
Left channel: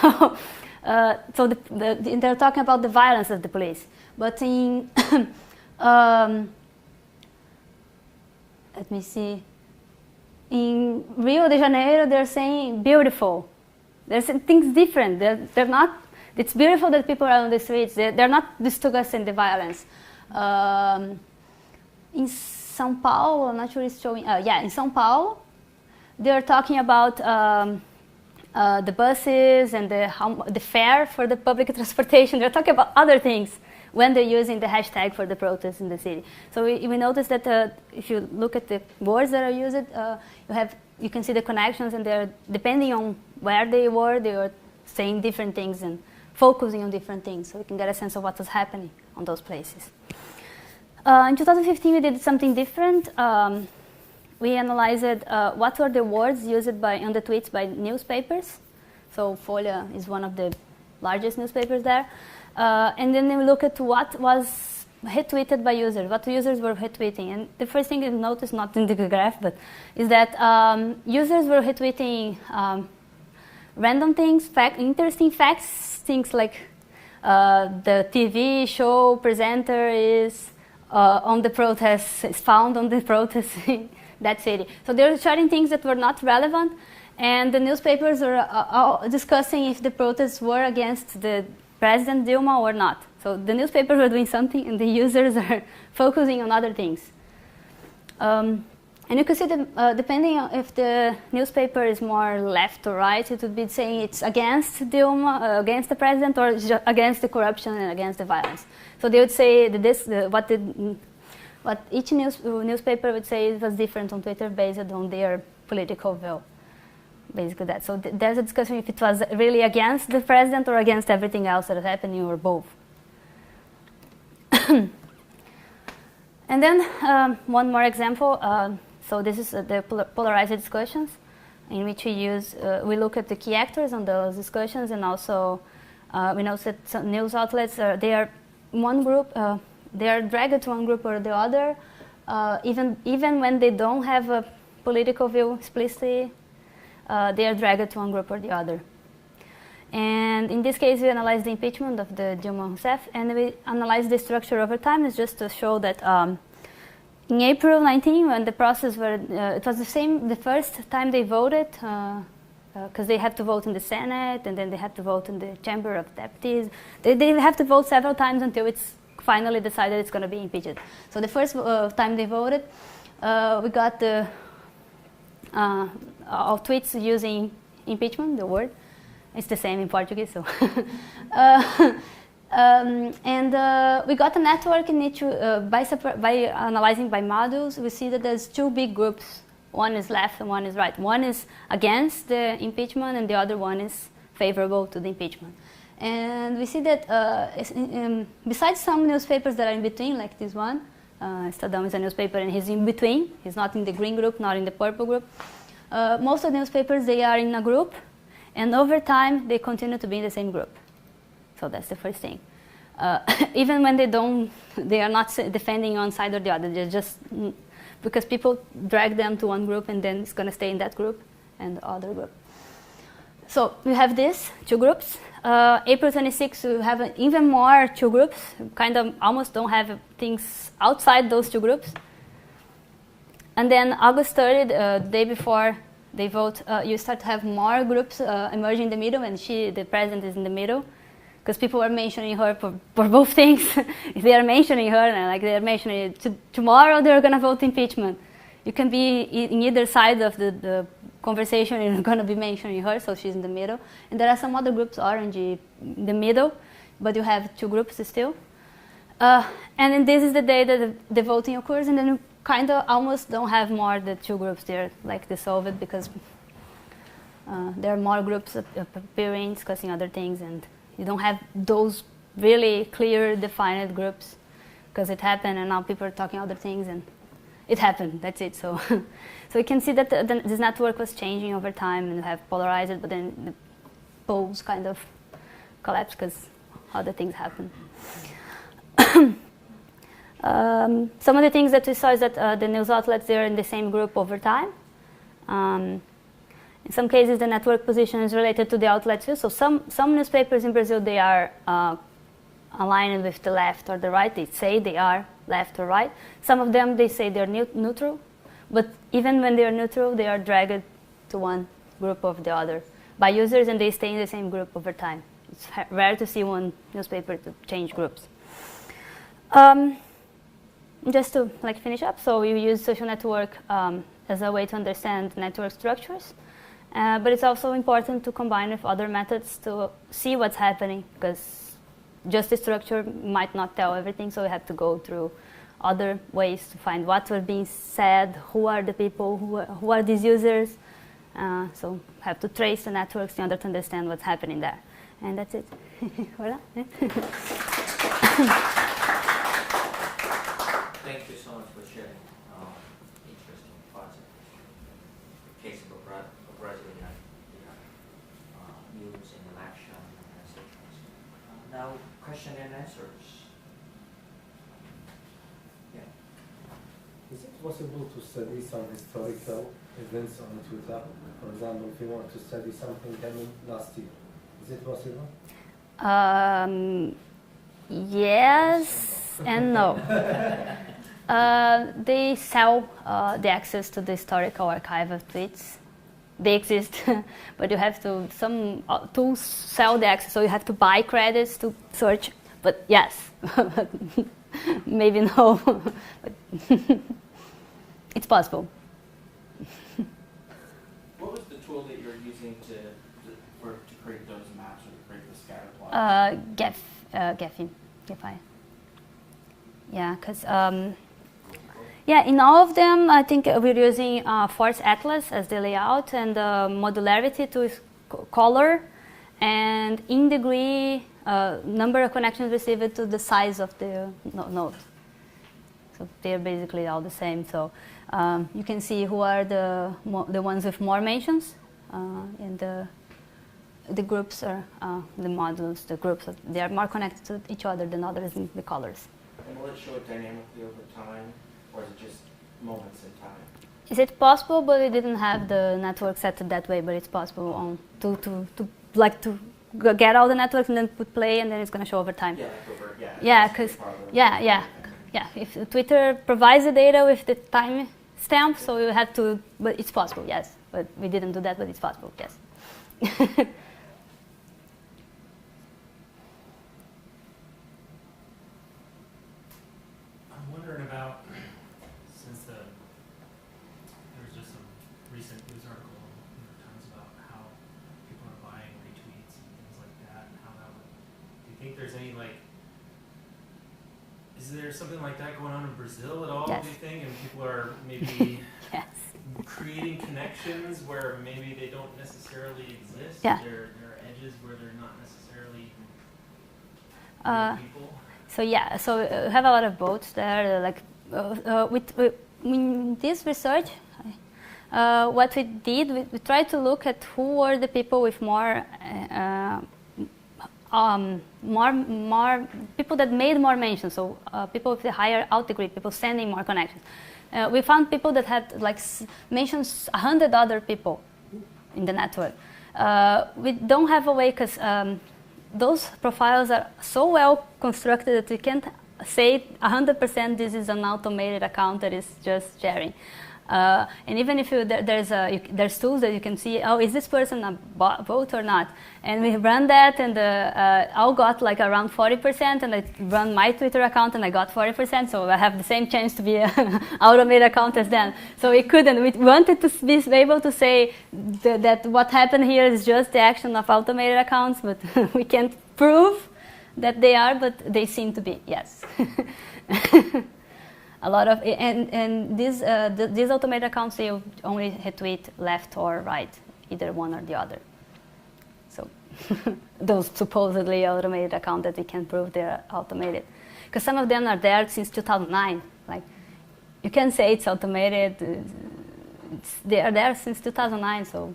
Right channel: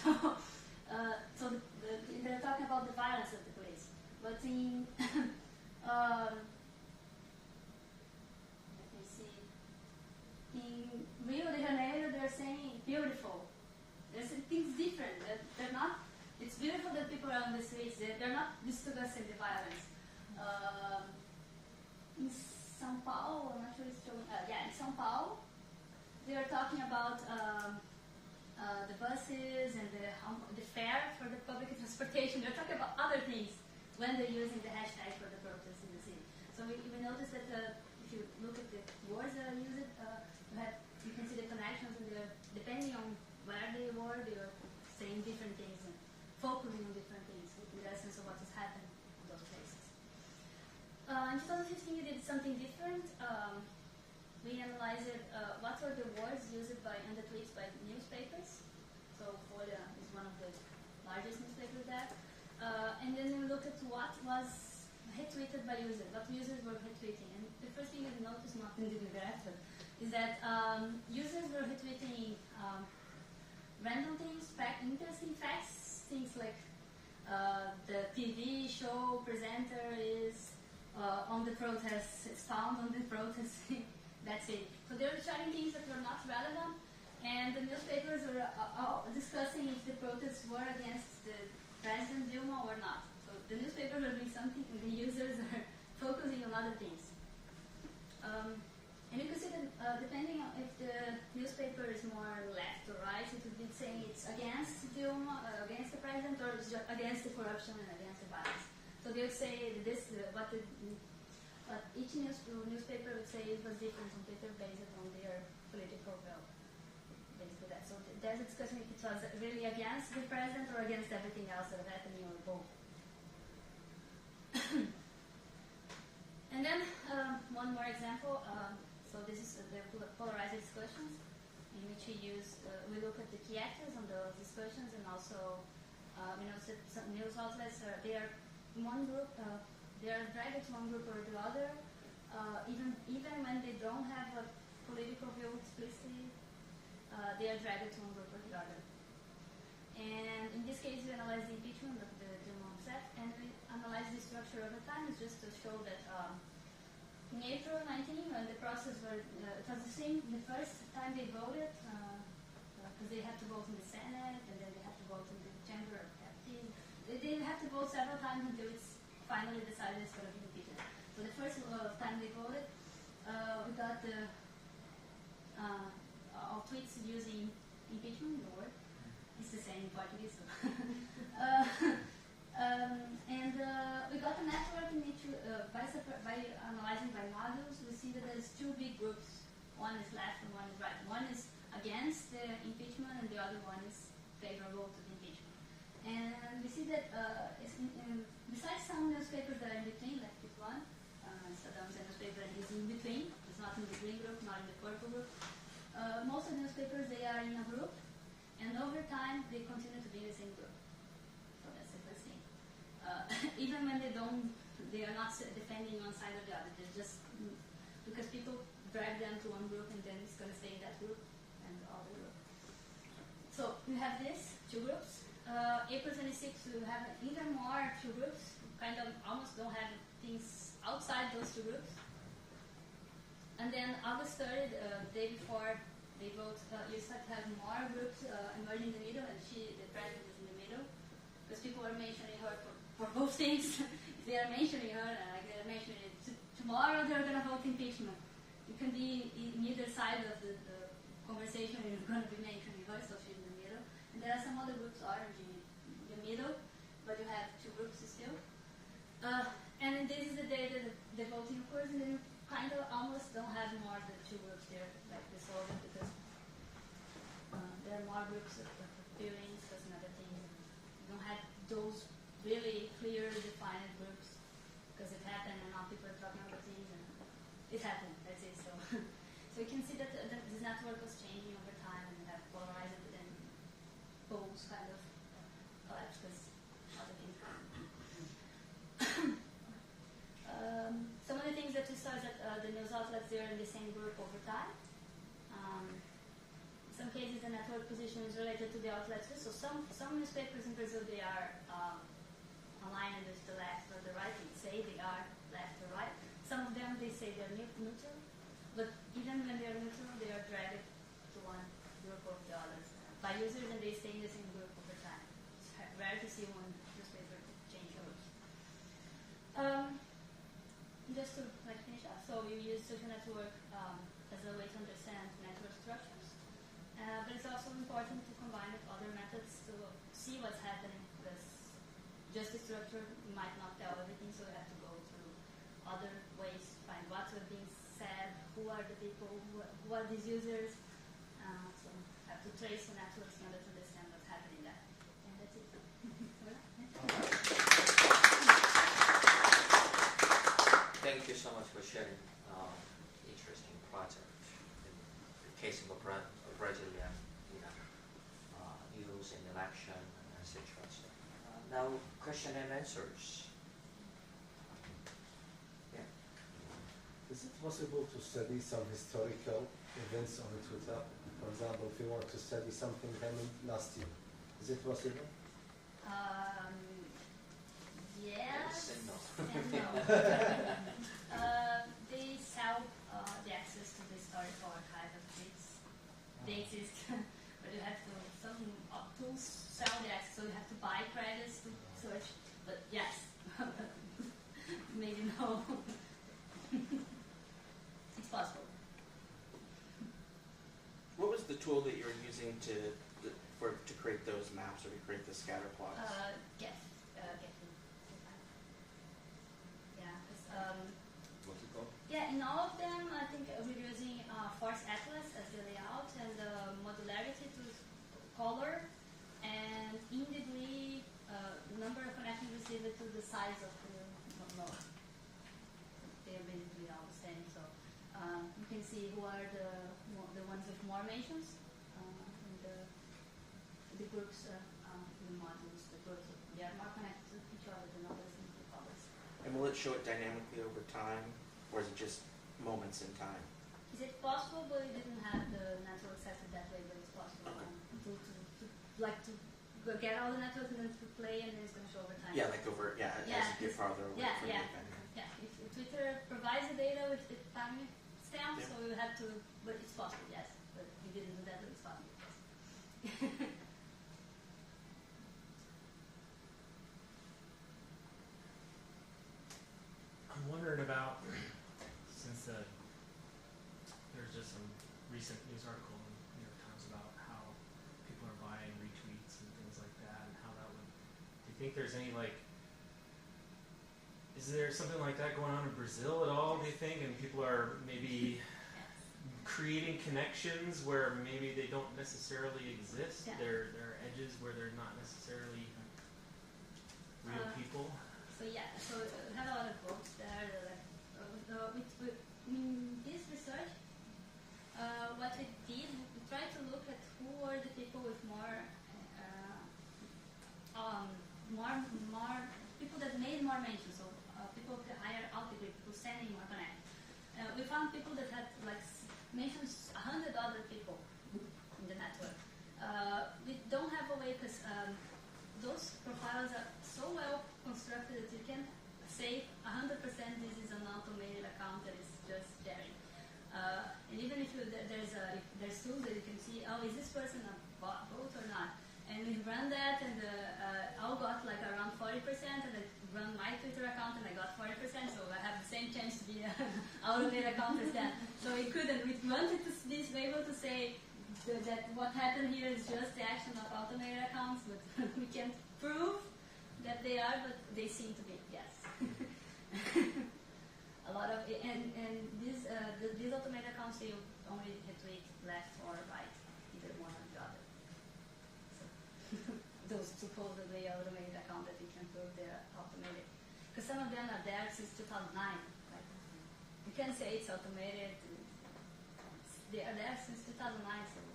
So, they're talking about the violence of the police. But in, let me see, in Rio de Janeiro, they're saying beautiful. They're saying things different. They're not. It's beautiful that people are on the streets. They're not discussing the violence. In São Paulo, I'm not sure it's showing. Yeah, in São Paulo, they're talking about the buses and the fare for the public transportation. They're talking about other things when they're using the hashtag for the protests in the city. So we noticed that if you look at the words that are used, you can see the connections, and they're depending on where they were saying different things and focusing on different things, so we can get a sense of what was happening on those places. In 2015, we did something different. we analyzed what were the words used on the tweets by newspapers. So Folha is one of the largest newspapers there. And then we look at what was retweeted by users, what users were retweeting. And the first thing you notice, not in the graph, but is that users were retweeting random things, interesting facts, things like the TV show presenter is on the protest, is found on the protest in that city. So they were sharing things that were not relevant, and the newspapers were discussing if the protests were against the President Dilma or not. So the newspapers were doing something, and the users are focusing on other things. And you can see that depending on if the newspaper is more left or right, it would be saying it's against Dilma, against the president, or against the corruption and against the violence. So they would say that what each newspaper would say was different on Twitter based on their political view. Basically that. So there's a discussion if it was really against the president or against everything else that is happening, or both. And then one more example. So this is the polarized discussions, in which we look at the key actors on those discussions, and also we know that some news outlets they are one group, they are dragged to one group or the other, even when they don't have a political view explicitly, they are dragged to one group or the other. And in this case, we analyzed the impeachment of the Dilma Rousseff, and we analyzed the structure over time. It's just to show that. In April 19, when the process it was the first time they voted, because they have to vote in the Senate, and then they have to vote in the Chamber of Deputies. They have to vote several times until it's finally decided it's going to be impeached. So the first time they voted, we got our tweets using impeachment, the word. It's the same in Portuguese, so. We got a network in which, by analyzing by modules, we see that there's two big groups. One is left and one is right. One is against the impeachment, and the other one is favorable to the impeachment. And we see that besides some newspapers that are in between, like this one, Estadão is a newspaper and he's in between. He's not in the green group, not in the purple group. Most of the newspapers, they are in a group, and over time, they continue to be in the same group. So that's the first thing. Even when they are not defending one side or the other. They're just because people drag them to one group, and then it's going to stay in that group and the other group. So we have these two groups. April 26, we have even more two groups. Kind of almost don't have things outside those two groups. And then August 30, the day before they vote, you start to have more groups emerging in the middle, and the president is in the middle. Because people are mentioning her for both things. If they are mentioning her, and like they are mentioning tomorrow, they're going to vote impeachment. You can be in either side of the conversation, and you're going to be mentioning her, so she's in the middle. And there are some other groups, orange, in the middle, but you have two groups still. And then this is the day that the voting occurs, and then you kind of almost don't have more the two groups there, like dissolved, because there are more groups appearing, discussing other things, and you don't have those really clear, defined groups, because it happened, and now people are talking other things, and it happened. That's it. So, so you can see that this network was changing over time, and you have polarized, but then the poles kind of collapsed because other things happened. Some of the things that we saw is that the news outlets, they're in the same group over time. In some cases, the network position is related to the outlets too. So some newspapers in Brazil, they are aligned with the left or the right. They say they are left or right. Some of them, they say they're neutral. But even when they are neutral, they are dragged to one group or the other by users, and they stay in the same group over time. It's rare to see one newspaper to change groups. Just to finish up, so we use social network as a way to understand network structures. But it's also important to combine with other methods to see what's happening, because just the structure might not tell everything, so we have to go through other ways to find what was being said, who are the people, who are these users. So have to trace the networks in order to understand what's happening there. And that's it. Voilà. Thank you so much for sharing interesting project. question and answers. Is it possible to study some historical events on Twitter? For example, if you want to study something happened last year, is it possible? Yes and no. They sell the access to the historical archive of tweets. They exist, but you have to, some tools sell the access, so you have to buy credits to search. But yes, maybe no. It's possible. What was the tool that you were using to create those maps or to create the scatter plots? Gephi. Yeah, because yeah, in all of them, I think we're using Force Atlas as the layout, and modularity to color, and in degree number of connections received to the size of the node. So they're basically all the same. So you can see who are the ones with more mentions, and the groups are the modules. The groups they are more connected to each other than others in the colors. Will it show it dynamically over time, or is it just moments in time? Is it possible? But we didn't have the network set that way. But it's possible on to get all the networks and then put play, and then it's going to show over time. Yeah, like over, yeah. Yeah, because yeah. If Twitter provides the data with the time stamp, so you have to. But it's possible, yes. But we didn't do that. But it's possible, yes. I'm wondering about, since there's just some recent news article in the New York Times about how people are buying retweets and things like that, and how that would. Do you think there's any is there something like that going on in Brazil at all? Yes. Do you think, and people are maybe Yes. creating connections where maybe they don't necessarily exist? Yeah. There are edges where they're not necessarily real people. So yeah, so we have a lot of boats there. In this research, what we did, we tried to look at who were the people with more people that made more mentions. So people with the higher out degree, people sending more connections. We found people that had mentions 100 other people in the network. We don't have a way because those profiles are so well constructed that we can't say 100% this is an automated account that is just sharing. And even if there's tools that you can see, oh, is this person a bot or not? And we run that, and I got around 40%, and I run my Twitter account, and I got 40%, so I have the same chance to be an automated account as them. So we couldn't. We wanted to be able to say that what happened here is just the action of automated accounts, but we can't prove that they are, but they seem to be, yes. A lot of, and these automated accounts, they only retweet left or right, either one or the other. So those supposedly automated accounts that we can prove they're automated. Because some of them are there since 2009. You can say it's automated. They are there since 2009, so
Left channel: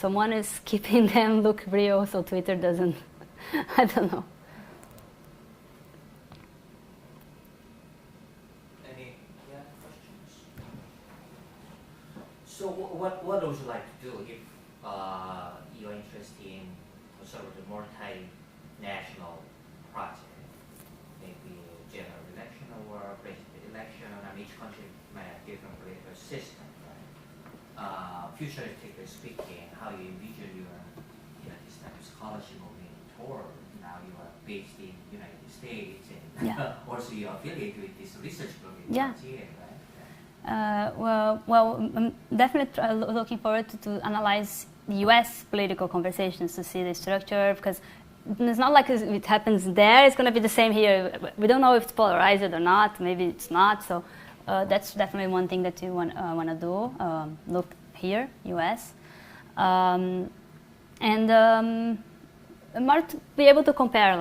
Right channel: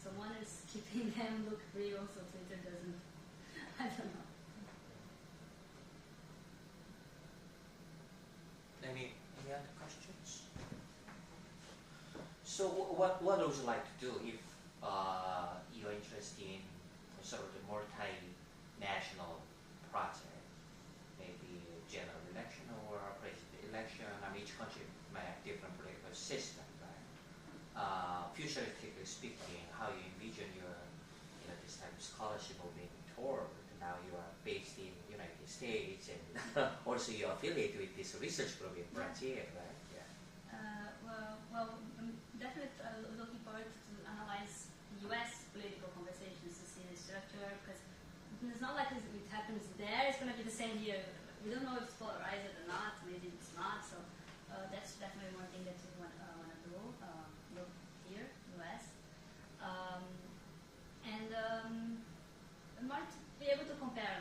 someone is keeping them look real so Twitter doesn't, I don't know. So what would you like to do if you're interested in sort of the multinational project, maybe general election or president election? I mean, each country might have different political system, right? Futuristically speaking, how you envision your, this type of scholarship moving toward? Now you are based in the United States, and also you're affiliated with this research group in Brazil, right? I'm definitely looking forward to analyze U.S. political conversations to see the structure, because it's not like it happens there, it's going to be the same here. We don't know if it's polarized or not, maybe it's not, so that's definitely one thing that you want to do, look here, U.S. And more to be able to compare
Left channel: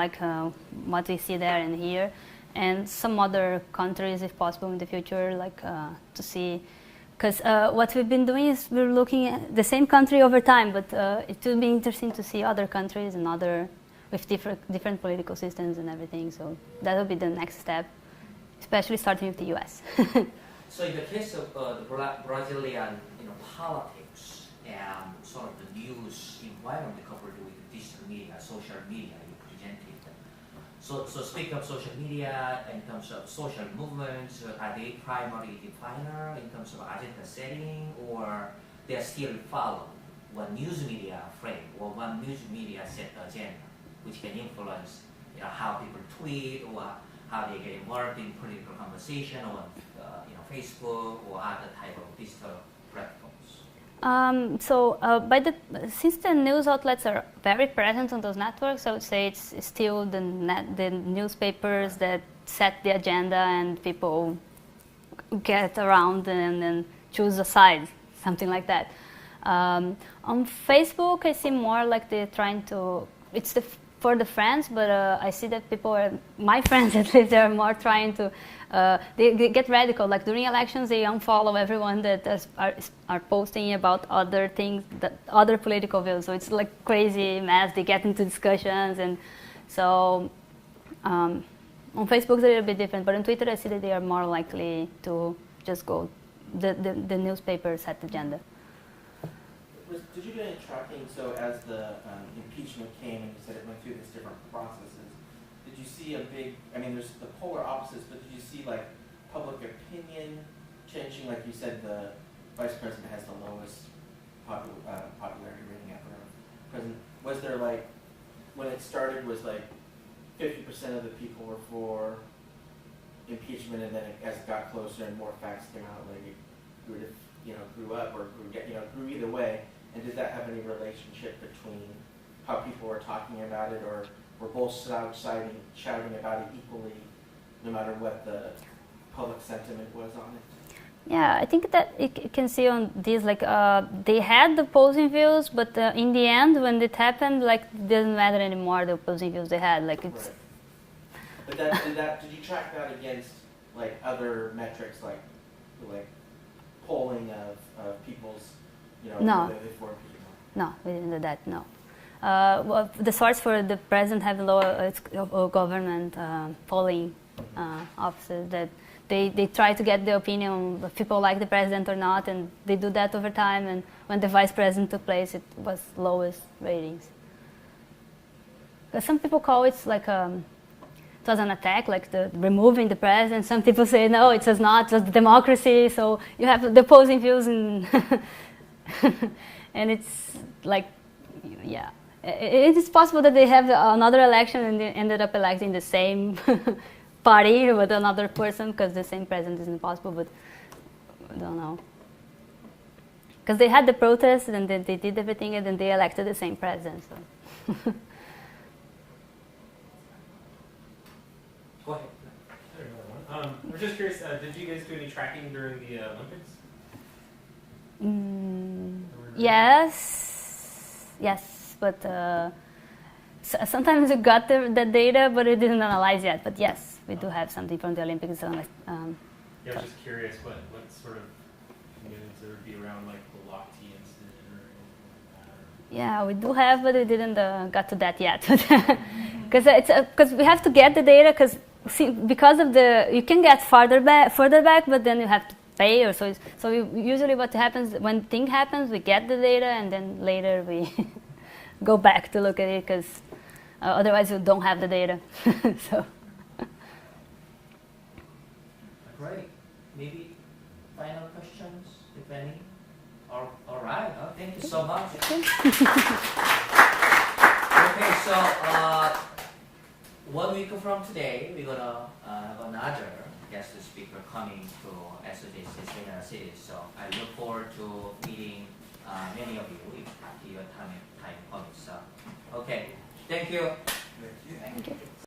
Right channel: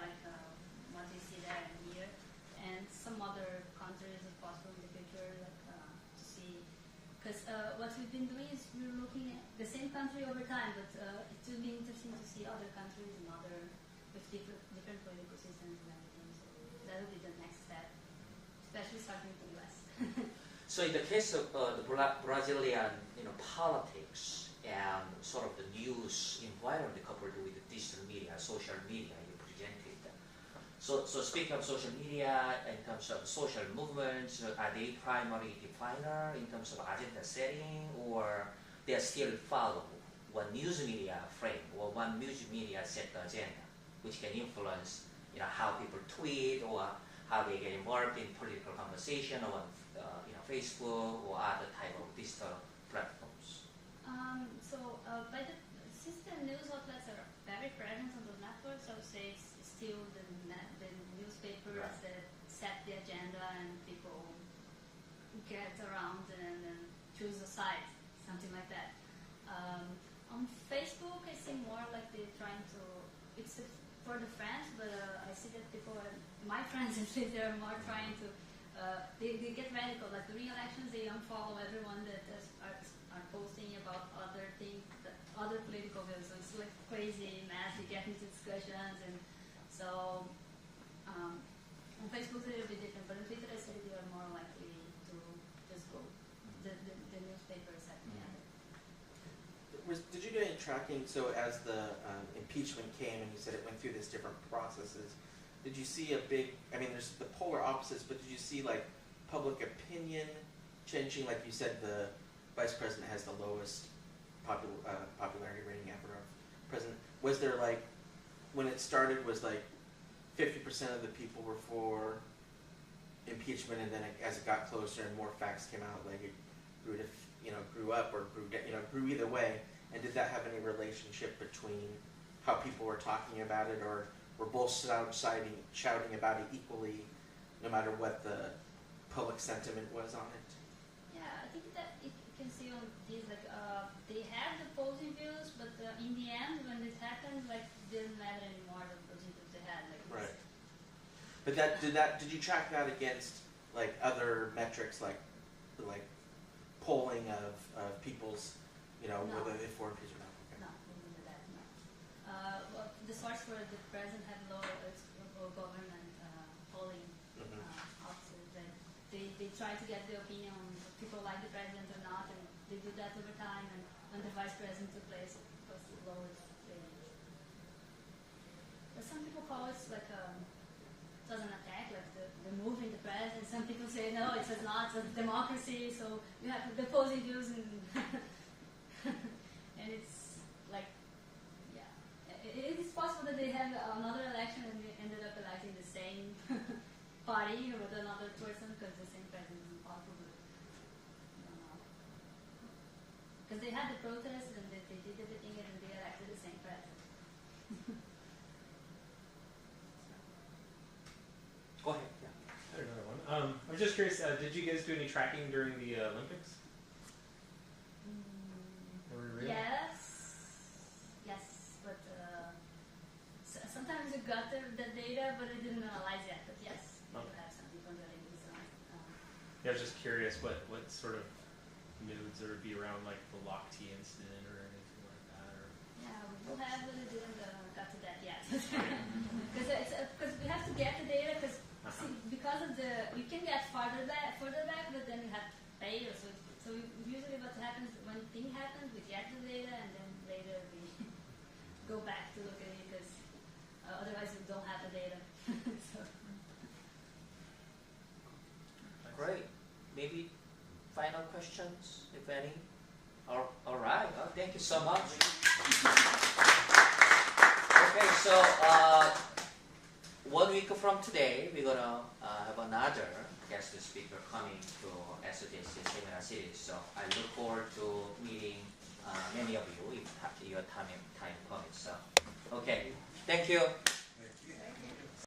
what we see there and here, and some other countries, if possible, in the future, to see. Because what we've been doing is we're looking at the same country over time, but it will be interesting to see other countries and with different political systems and everything. So that will be the next step, especially starting with the U.S. So in the case of the Brazilian, politics and sort of the news environment coupled with the digital media, social media you presented. So speaking of social media, in terms of social movements, are they primary definer in terms of agenda setting, or they are still follow one news media frame or one news media set the agenda, which can influence how people tweet or how they get involved in political conversation on Facebook or other type of digital platforms? Since the news outlets are very present on those networks, I would say it's still the newspapers that set the agenda, and people get around and then choose a side, something like that. On Facebook, I see more like they're trying to. It's for the friends, but I see that my friends at least, they're more trying to. They get radical. Like during elections, they unfollow everyone that are posting about other things, other political views. So it's like crazy mess. They get into discussions, and so on Facebook it's a little bit different. But on Twitter, I see that they are more likely to just go the newspaper set the agenda. Did you do any tracking? So as the impeachment came, and you said it went through these different processes. Did you see a big, there's the polar opposites, but did you see like public opinion changing? Like you said, the vice president has the lowest popularity rating ever of president. Was there like, when it started, was like 50% of the people were for impeachment, and then as it got closer and more facts came out, like it grew up or grew either way? And did that have any relationship between how people were talking about it, or were both shouting about it equally, no matter what the public sentiment was on it? Yeah, I think that you can see on these, like they had the opposing views, but in the end, when it happened, like it doesn't matter anymore the opposing views they had. Like it's. Right. But did you track that against like other metrics, like polling of people's, No. for impeachment? No, we didn't do that. No. Well, the source for the president have lower government polling offices that they try to get the opinion of people like the president or not, and they do that over time. And when the vice president took place, it was lowest ratings. Because some people call it like it was an attack, like removing the president. Some people say no, it was not. It was democracy. So you have the opposing views, and and it's like, yeah. It is possible that they have another election and they ended up electing the same party with another person, because the same president is impossible, but I don't know. Because they had the protests and then they did everything and then they elected the same president. So. Go ahead. I'm just curious, did you guys do any tracking during the Olympics? Yes, but sometimes we got the data, but it didn't analyze yet. But yes, we do have something from the Olympics. Yeah, I was just curious what sort of news there would be around like the Lock T incident or anything like that. Or... Yeah, we do have, but it didn't got to that yet. Because we have to get the data, because of you can get further back, but then you have to pay, or so usually what happens when thing happens, we get the data and then later we go back to look at it, because otherwise you don't have the data. So Great. Maybe final questions, if any? All right. Oh, thank you so much. Okay, so 1 week from today, we're gonna have another guest speaker coming to SOJC seminar series. So I look forward to meeting many of you if your time permits. Okay, thank you.